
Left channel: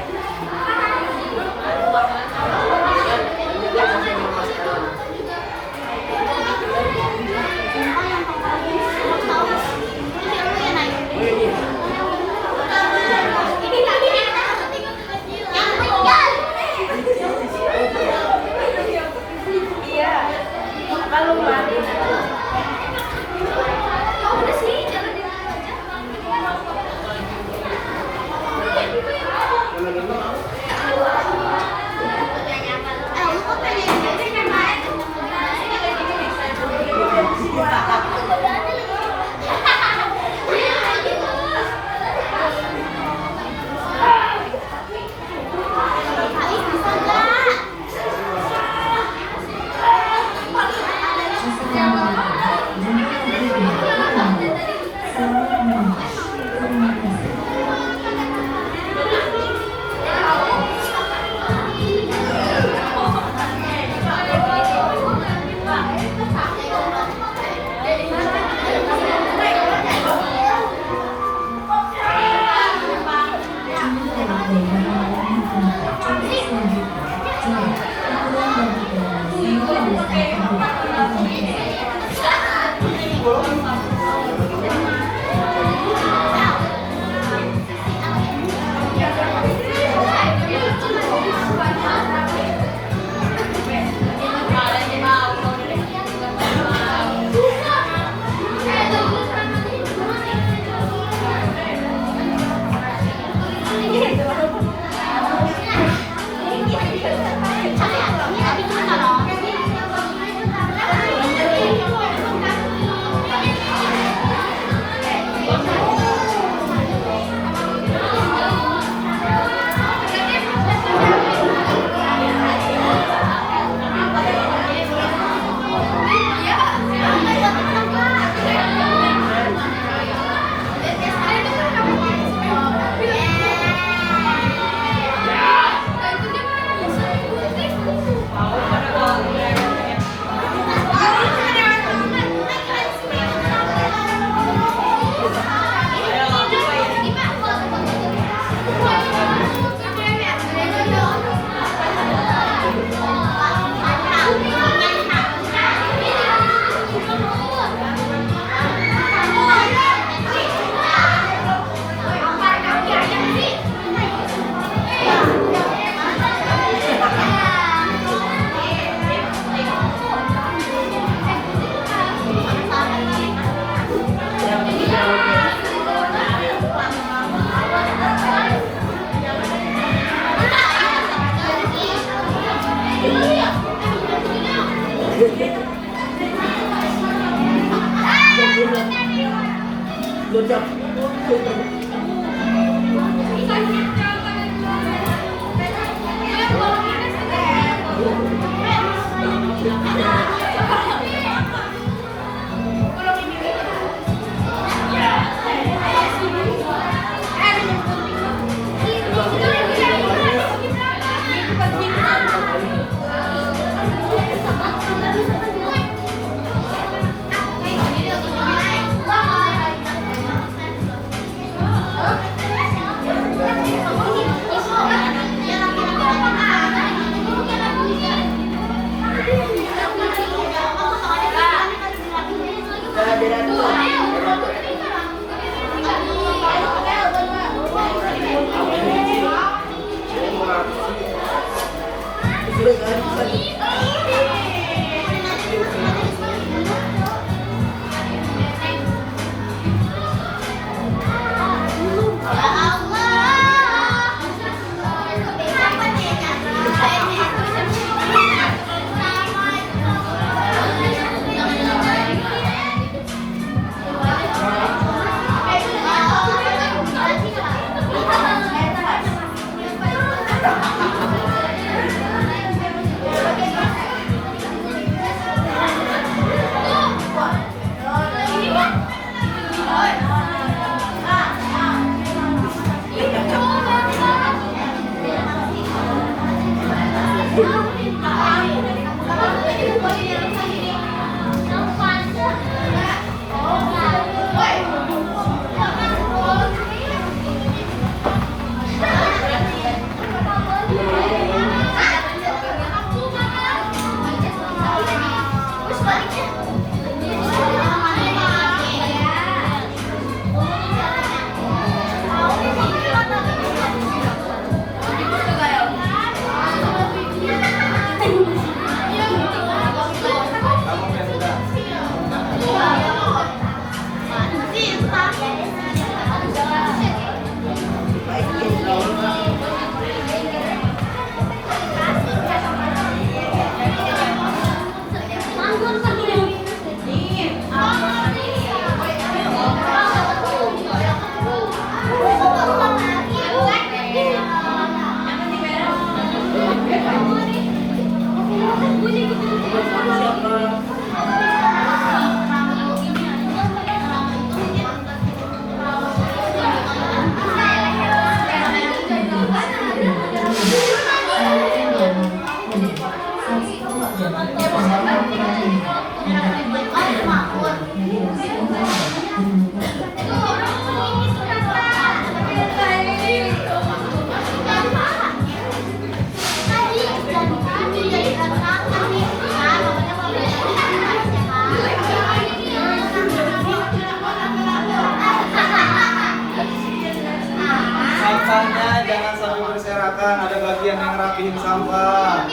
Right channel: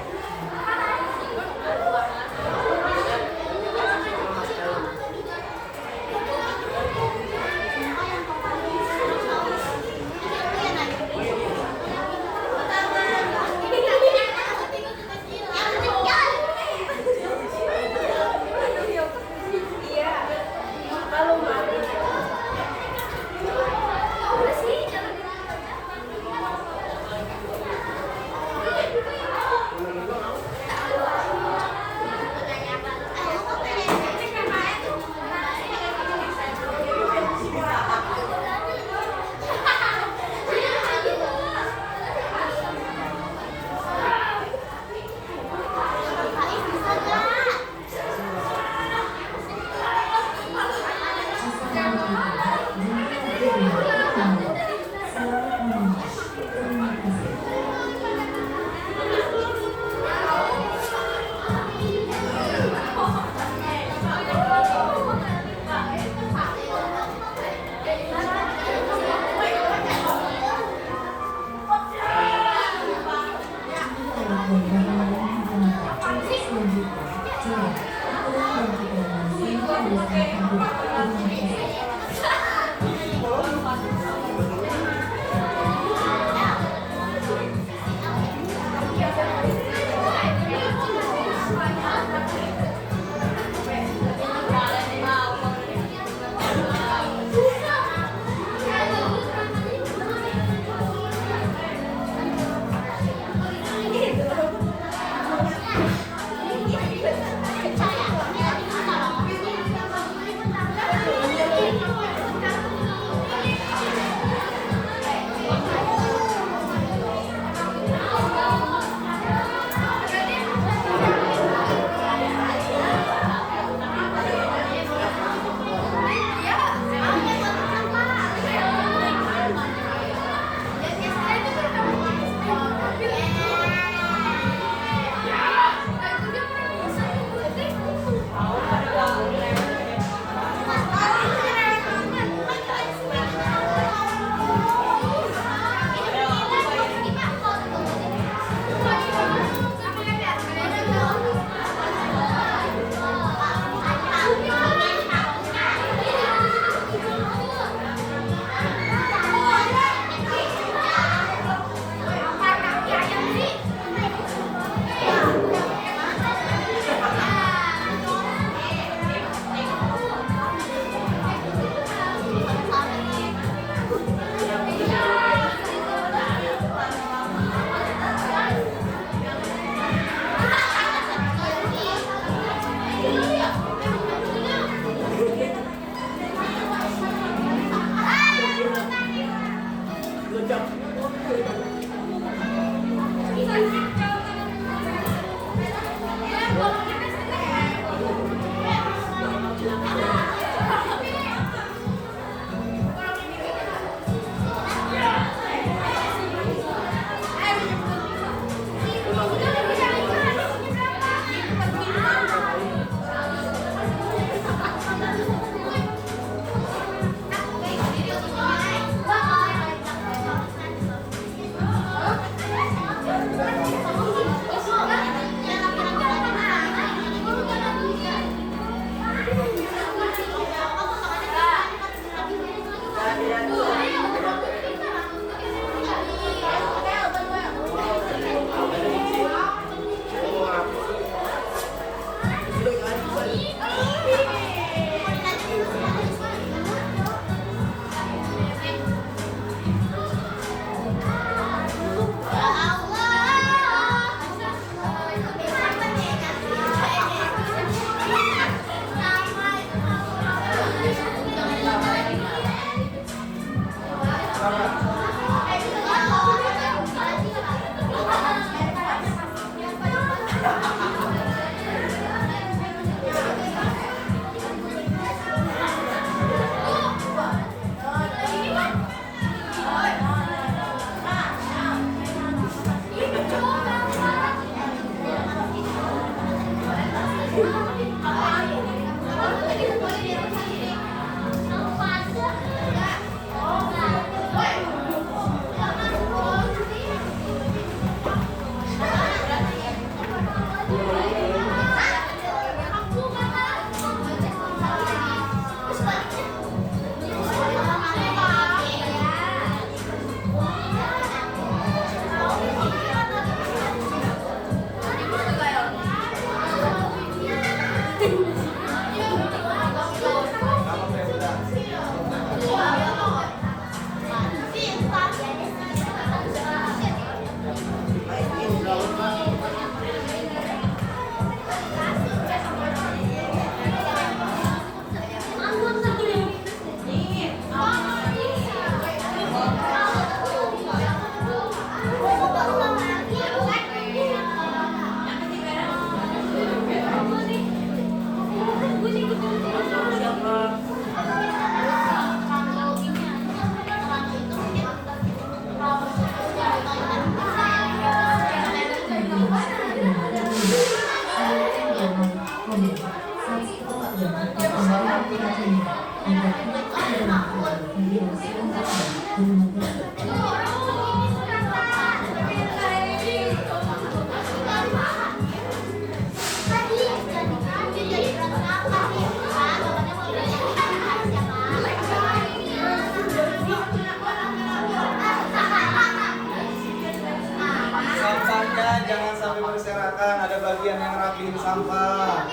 Sampahnya jangan sampai berserakan, ada bagian yang rapihin sampah.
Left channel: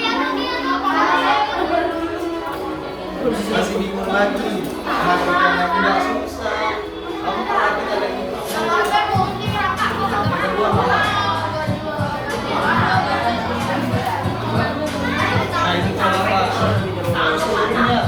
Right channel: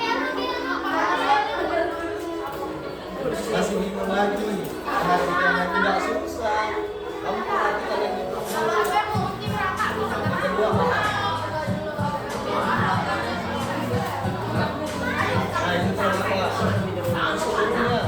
Masih bingung lagi, perhatikan yang tidak susah. Kamu perhatikan yang itu. Kedua mana? Nah ini kalau apa? Seluruhnya.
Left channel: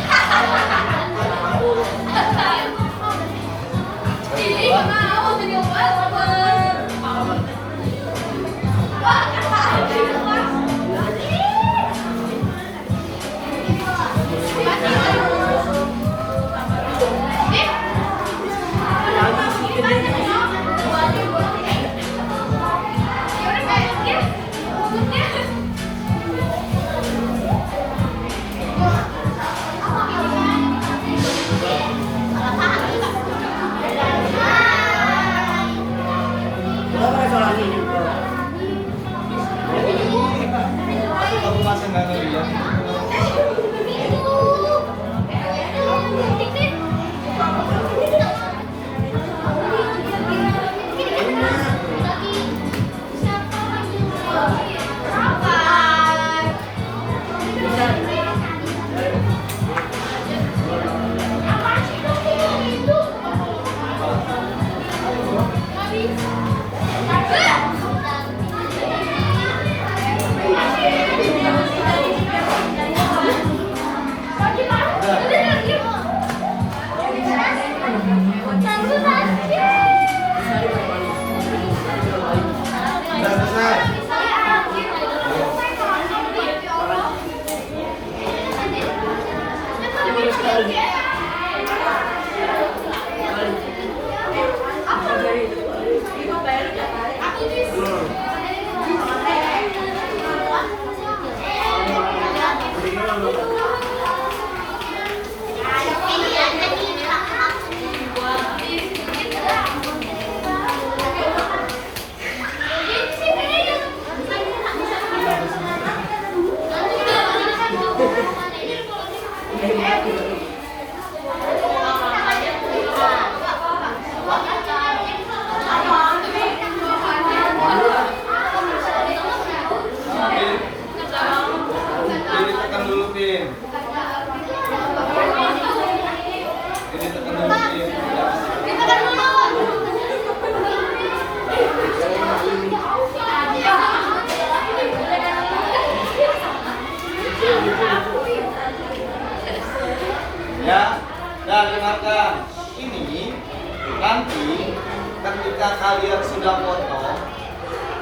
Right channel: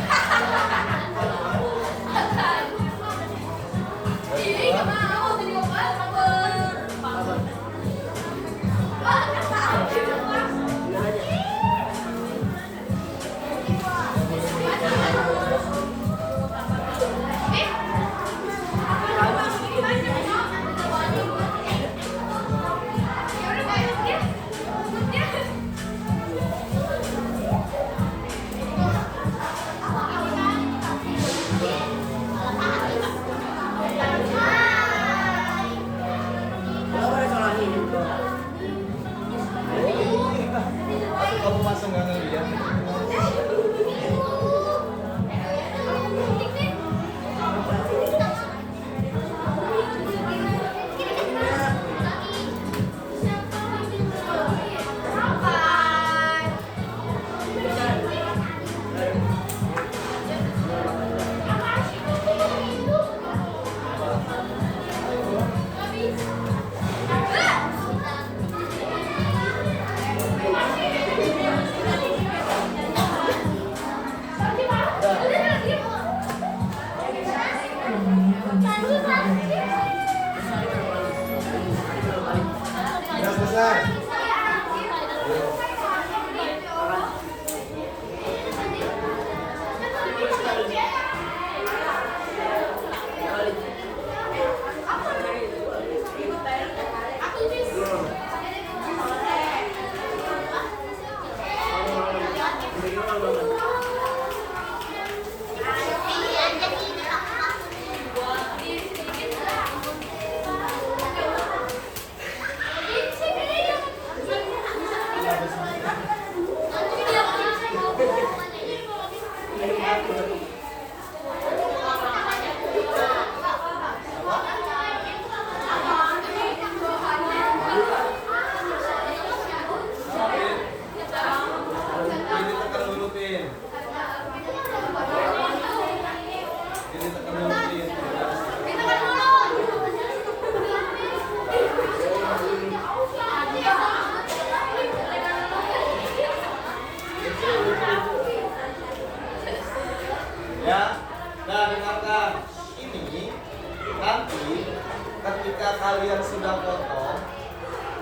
Kamu masih nggak ngeliat? Udah selesai. Ini tekan dulu, Pin. Ini tekan dulu, Pin. Ya, dan dengarkan. Ini nanti ketika kalian sudah foto,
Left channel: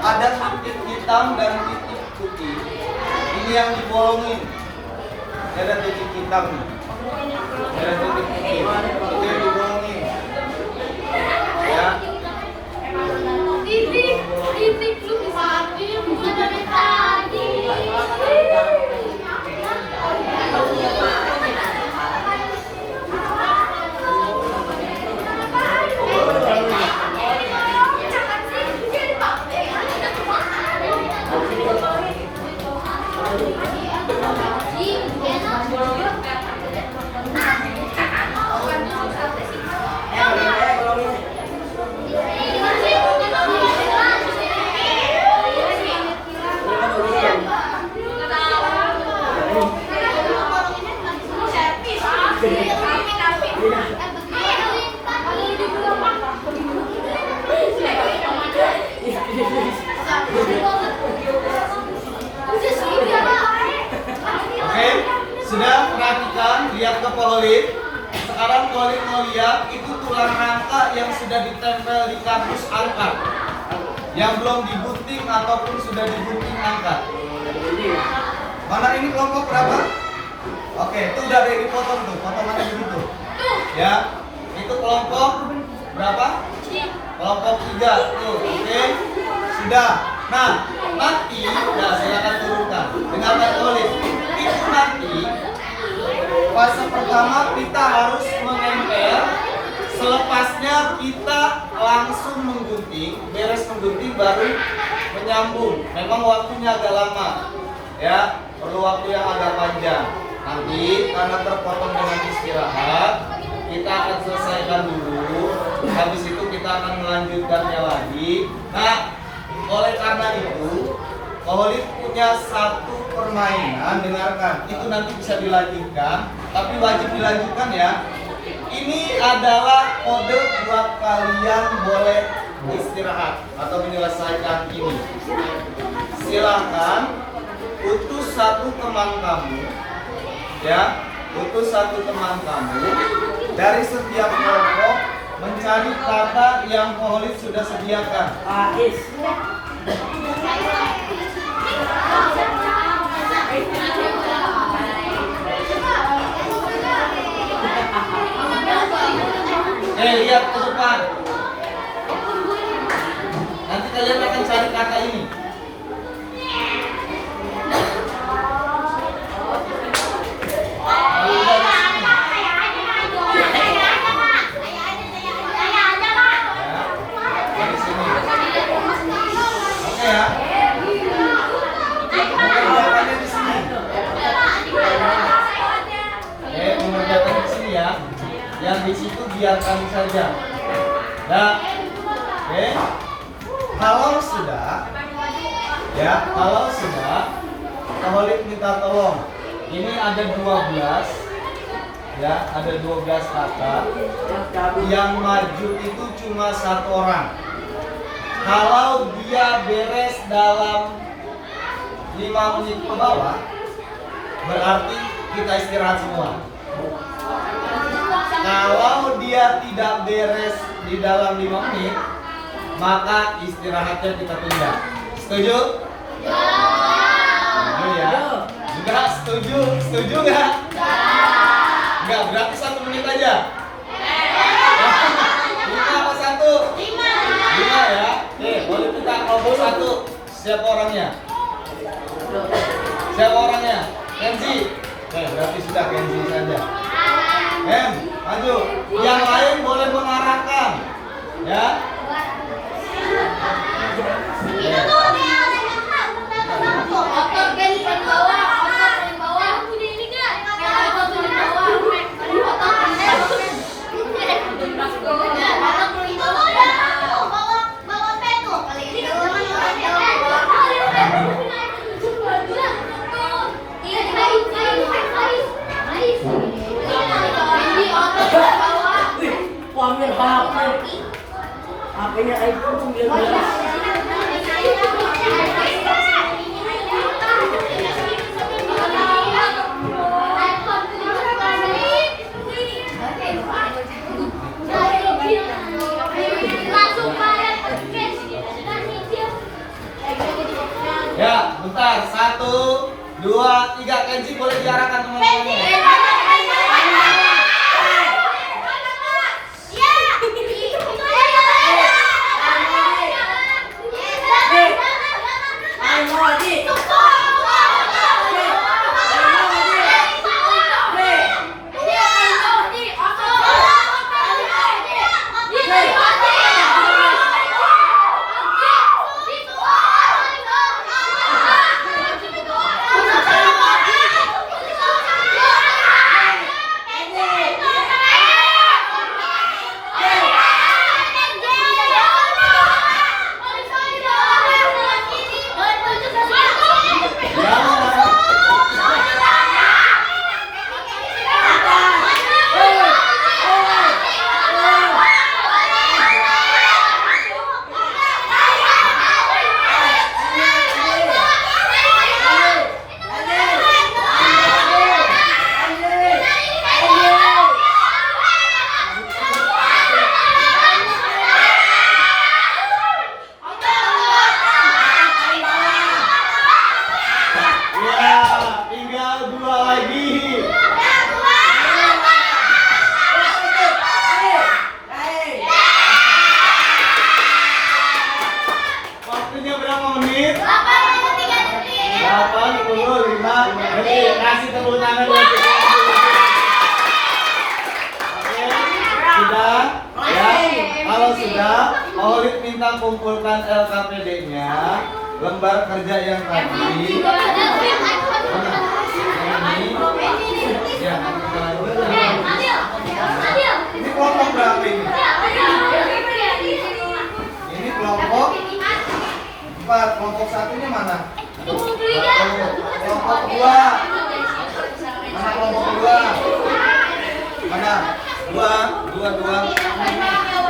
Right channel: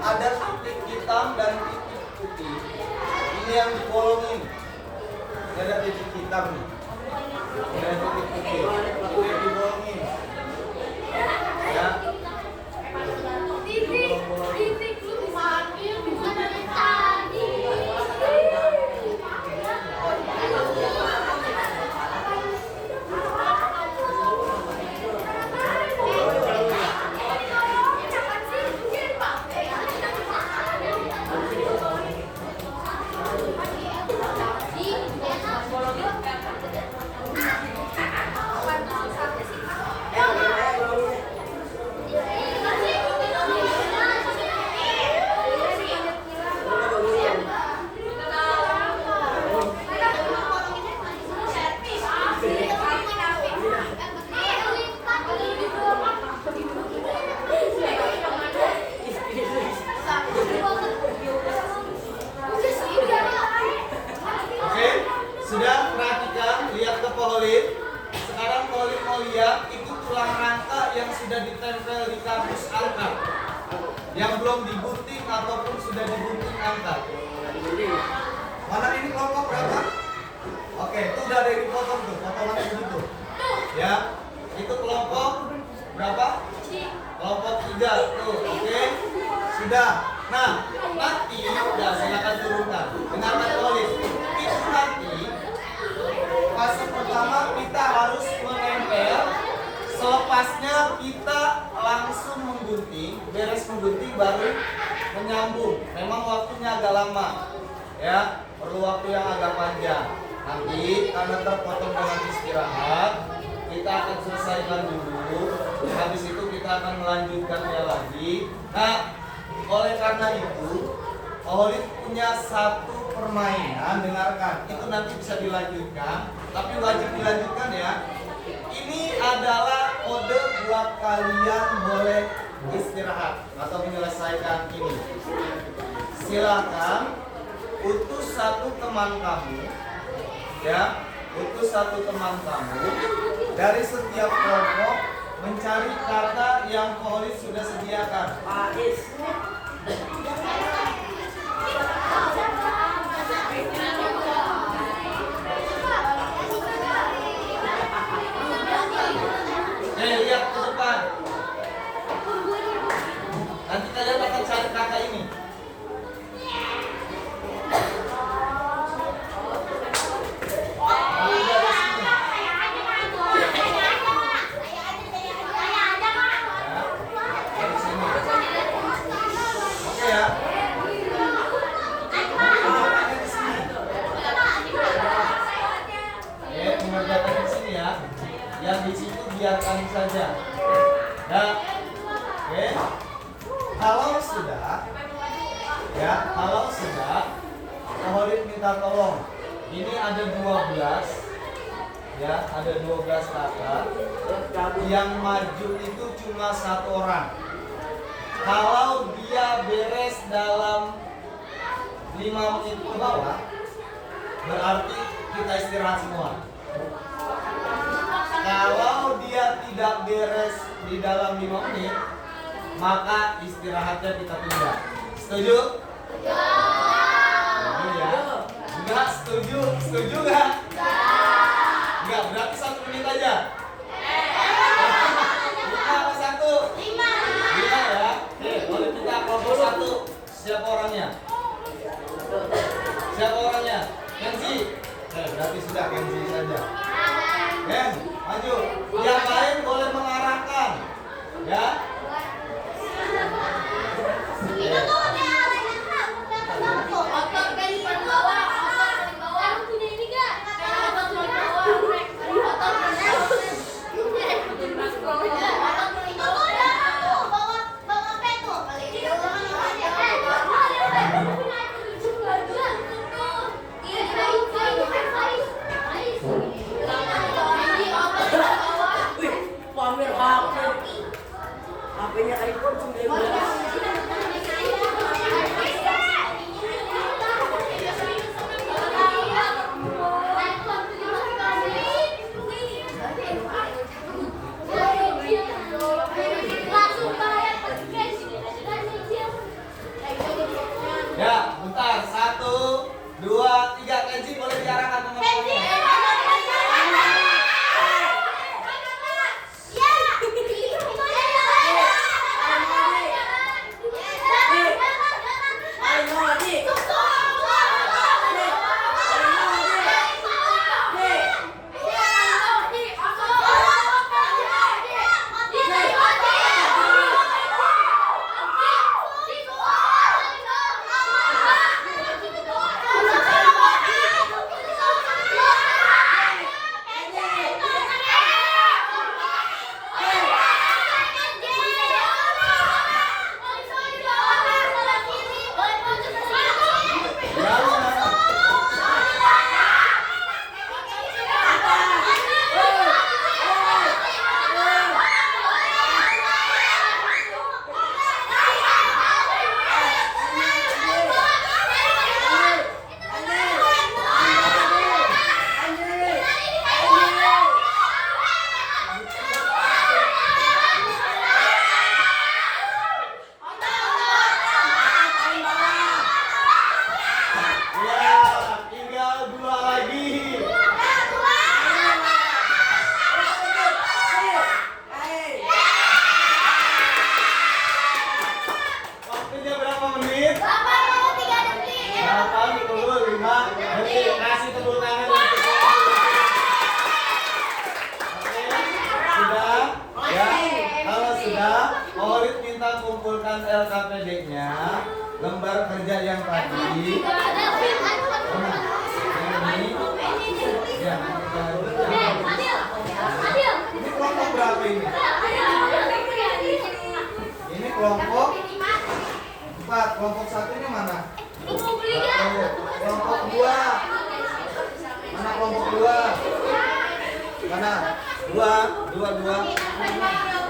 ada titik hitam dan titik putih. Ini yang dibolongin. Ini ada titik hitam nih. Ini ada titik putih. Itu yang dibolongin. Ya. Titik lu bisa bukan dari tadi. Koholid, sekarang Koholid mau lihat itu tulang rangka yang sudah ditempel di kardus angkat, yang belum digunting ataupun sudah digunting angkat. Mana ini kelompok berapa? Oke, itu udah ada yang dipotong tuh, potongannya begitu. Ya, itu kelompok berapa? Kelompok 3 tuh, oke, sudah. Nah, nanti, udah silakan turunkan. Dengarkan Koholid. Itu nanti fase pertama kita harus menempel. Selepasnya kita langsung menggunting, beres menggunting baru menyambung. Memang waktunya agak lama, ya, perlu waktu yang agak panjang. Nanti karena terpotong dengan istirahat, kita akan selesaikan dulu. Habis itu kita akan melanjutkannya lagi. Nah, oleh karena itu, Koholid punya satu permainan, dengarkan. Itu nanti bisa dilanjutkan, tapi wajib dilanjutkan ya. Ini adalah kode buat kalian boleh istirahat atau menyelesaikan ini. Silakan utus satu teman kamu, ya, utus satu teman kamu dari setiap kelompok mencari kata yang Koholid sudah sediakan. Paris. Lihat ke depan. Nanti kalian akan cari kata ini. Dari sini. Oke ya. Mengerjakannya di sini. Mengerjakannya di sini ya. Yang di situ biarkan saja. Nah, oke. Kalau sudah, ya, kalau sudah, Koholid minta tolong. Ini ada 12, ya, ada 12 kata. Yang maju itu cuma satu orang. Kalau dia beres dalam 5 menit ke bawah, berarti kita istirahat semua. Kalau dia tidak beres di dalam 5 menit, maka istirahatnya kita tunda. Setuju? Setuju ya? Enggak setuju? Setuju nggak? Enggak, berarti 1 menit aja. 5 apa 1? 5 ya? Oke, boleh kita kelompok 1. Siapa orangnya? Siapa orangnya? Kenzi. Oke, berarti sudah Kenzi saja. Maju. Yang lain boleh mengarahkan, ya. Pamer HP-nya iPhone 19. Ya, bentar. 1, 2, 3. Kenzi boleh diarahkan teman-teman. kumpulkan LKPD-nya, lembar kerja yang tadi. Mana? Yang ini. Ya, ini kelompok berapa ini? Ini kelompok 4. Kelompok satunya mana? Kelompok 2. Mana kelompok 2? Mana? 2.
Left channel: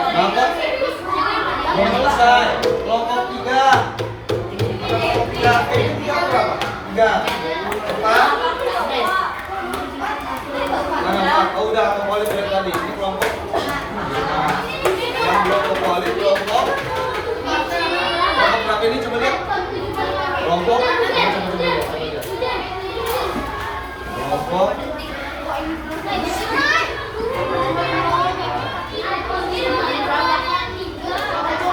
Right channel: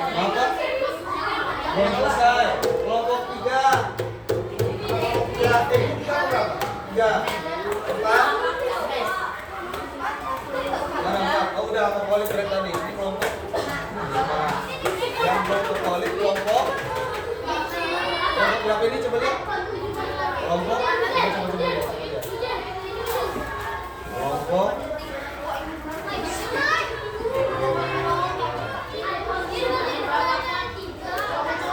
Apa? Belum selesai. Kelompok 3. Kelompok 3. Ini 3 berapa? 3. 4. Mana 4? Oh udah kepolit dari tadi. Ini kelompok 5. Yang belum kepolit kelompok berapa ini? Coba lihat. Kelompok kelompok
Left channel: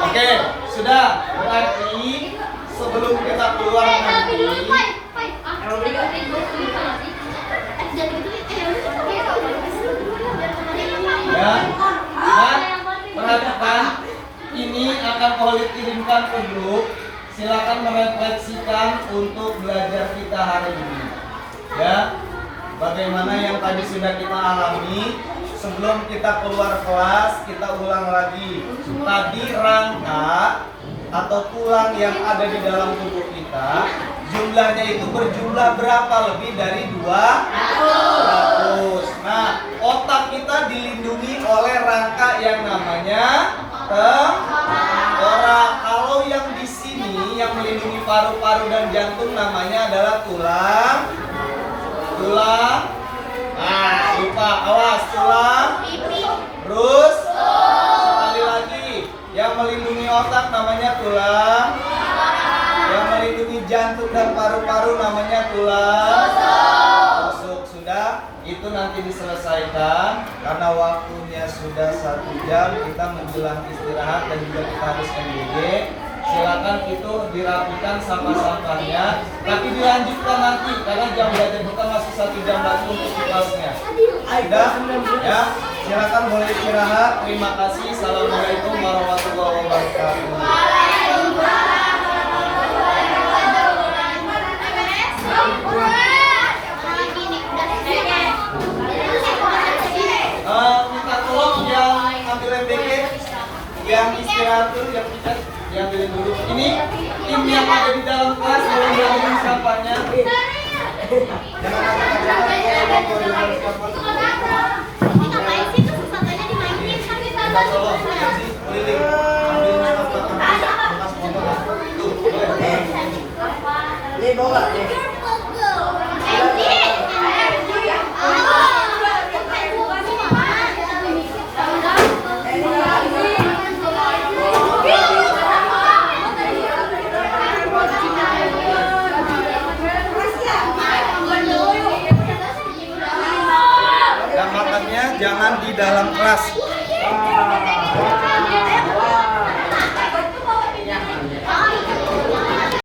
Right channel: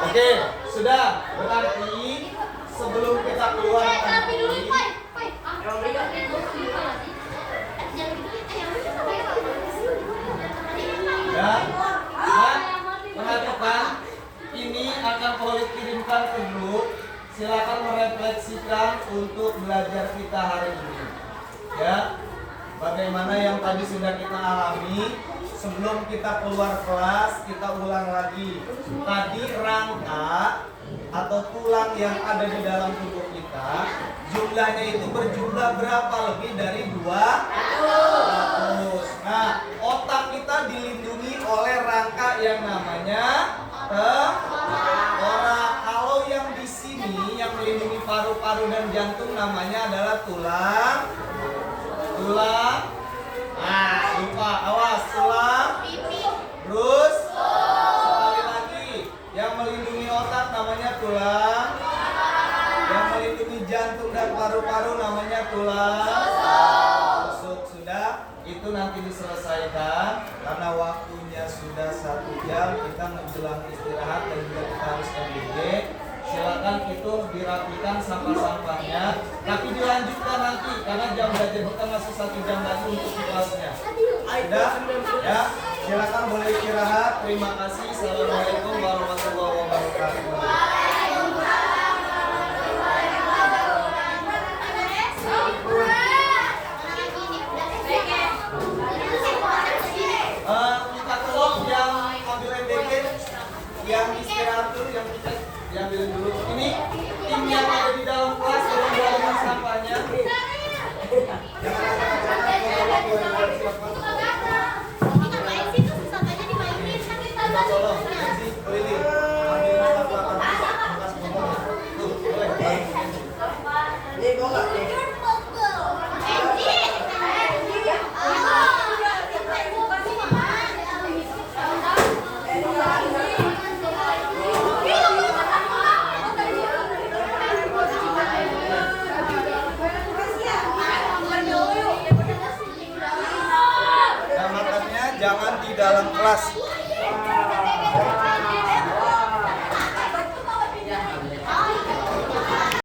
Oke, sudah. Berarti sebelum kita keluar nanti ya, perhatikan ini akan Khalid kirimkan ke grup. Silakan merefleksikan untuk belajar kita hari ini. Ya, bagaimana yang tadi sudah kita alami. Sebelum kita keluar kelas, kita ulang lagi. Tadi rangka atau tulang yang ada di dalam tubuh kita, jumlahnya itu berjumlah berapa? Lebih dari 200. Nah, otak kita dilindungi oleh rangka yang namanya tengkorak. Kalau yang di sini yang melindungi paru-paru dan jantung namanya adalah tulang. Nah, lupa, awas, tulang. Terus sekali lagi, yang melindungi otak namanya tulang. Yang melindungi jantung dan paru-paru namanya tulang rusuk. Sudah, itu nanti diselesaikan karena waktunya sudah 1 jam, kita menjelang istirahat dan juga kita harus MBG. Silakan itu dirapikan sampah-sampahnya, tapi dilanjutkan nanti karena jam belajar kita masih 1 jam lagi untuk kelasnya. Sudah? Ya, silakan boleh istirahat. Terima kasih. Assalamualaikum warahmatullahi wabarakatuh. Minta tolong yang ambil MBG, yang istirahat dulu, yang ambilin dulu. Ini tim yang ada di dalam kelas belum diambil sampahnya. Minta tolong, jadi keliling ambil sampah bekas motor. Tuh, boleh. Ini bawa deh. Dan makannya jangan di dalam kelas.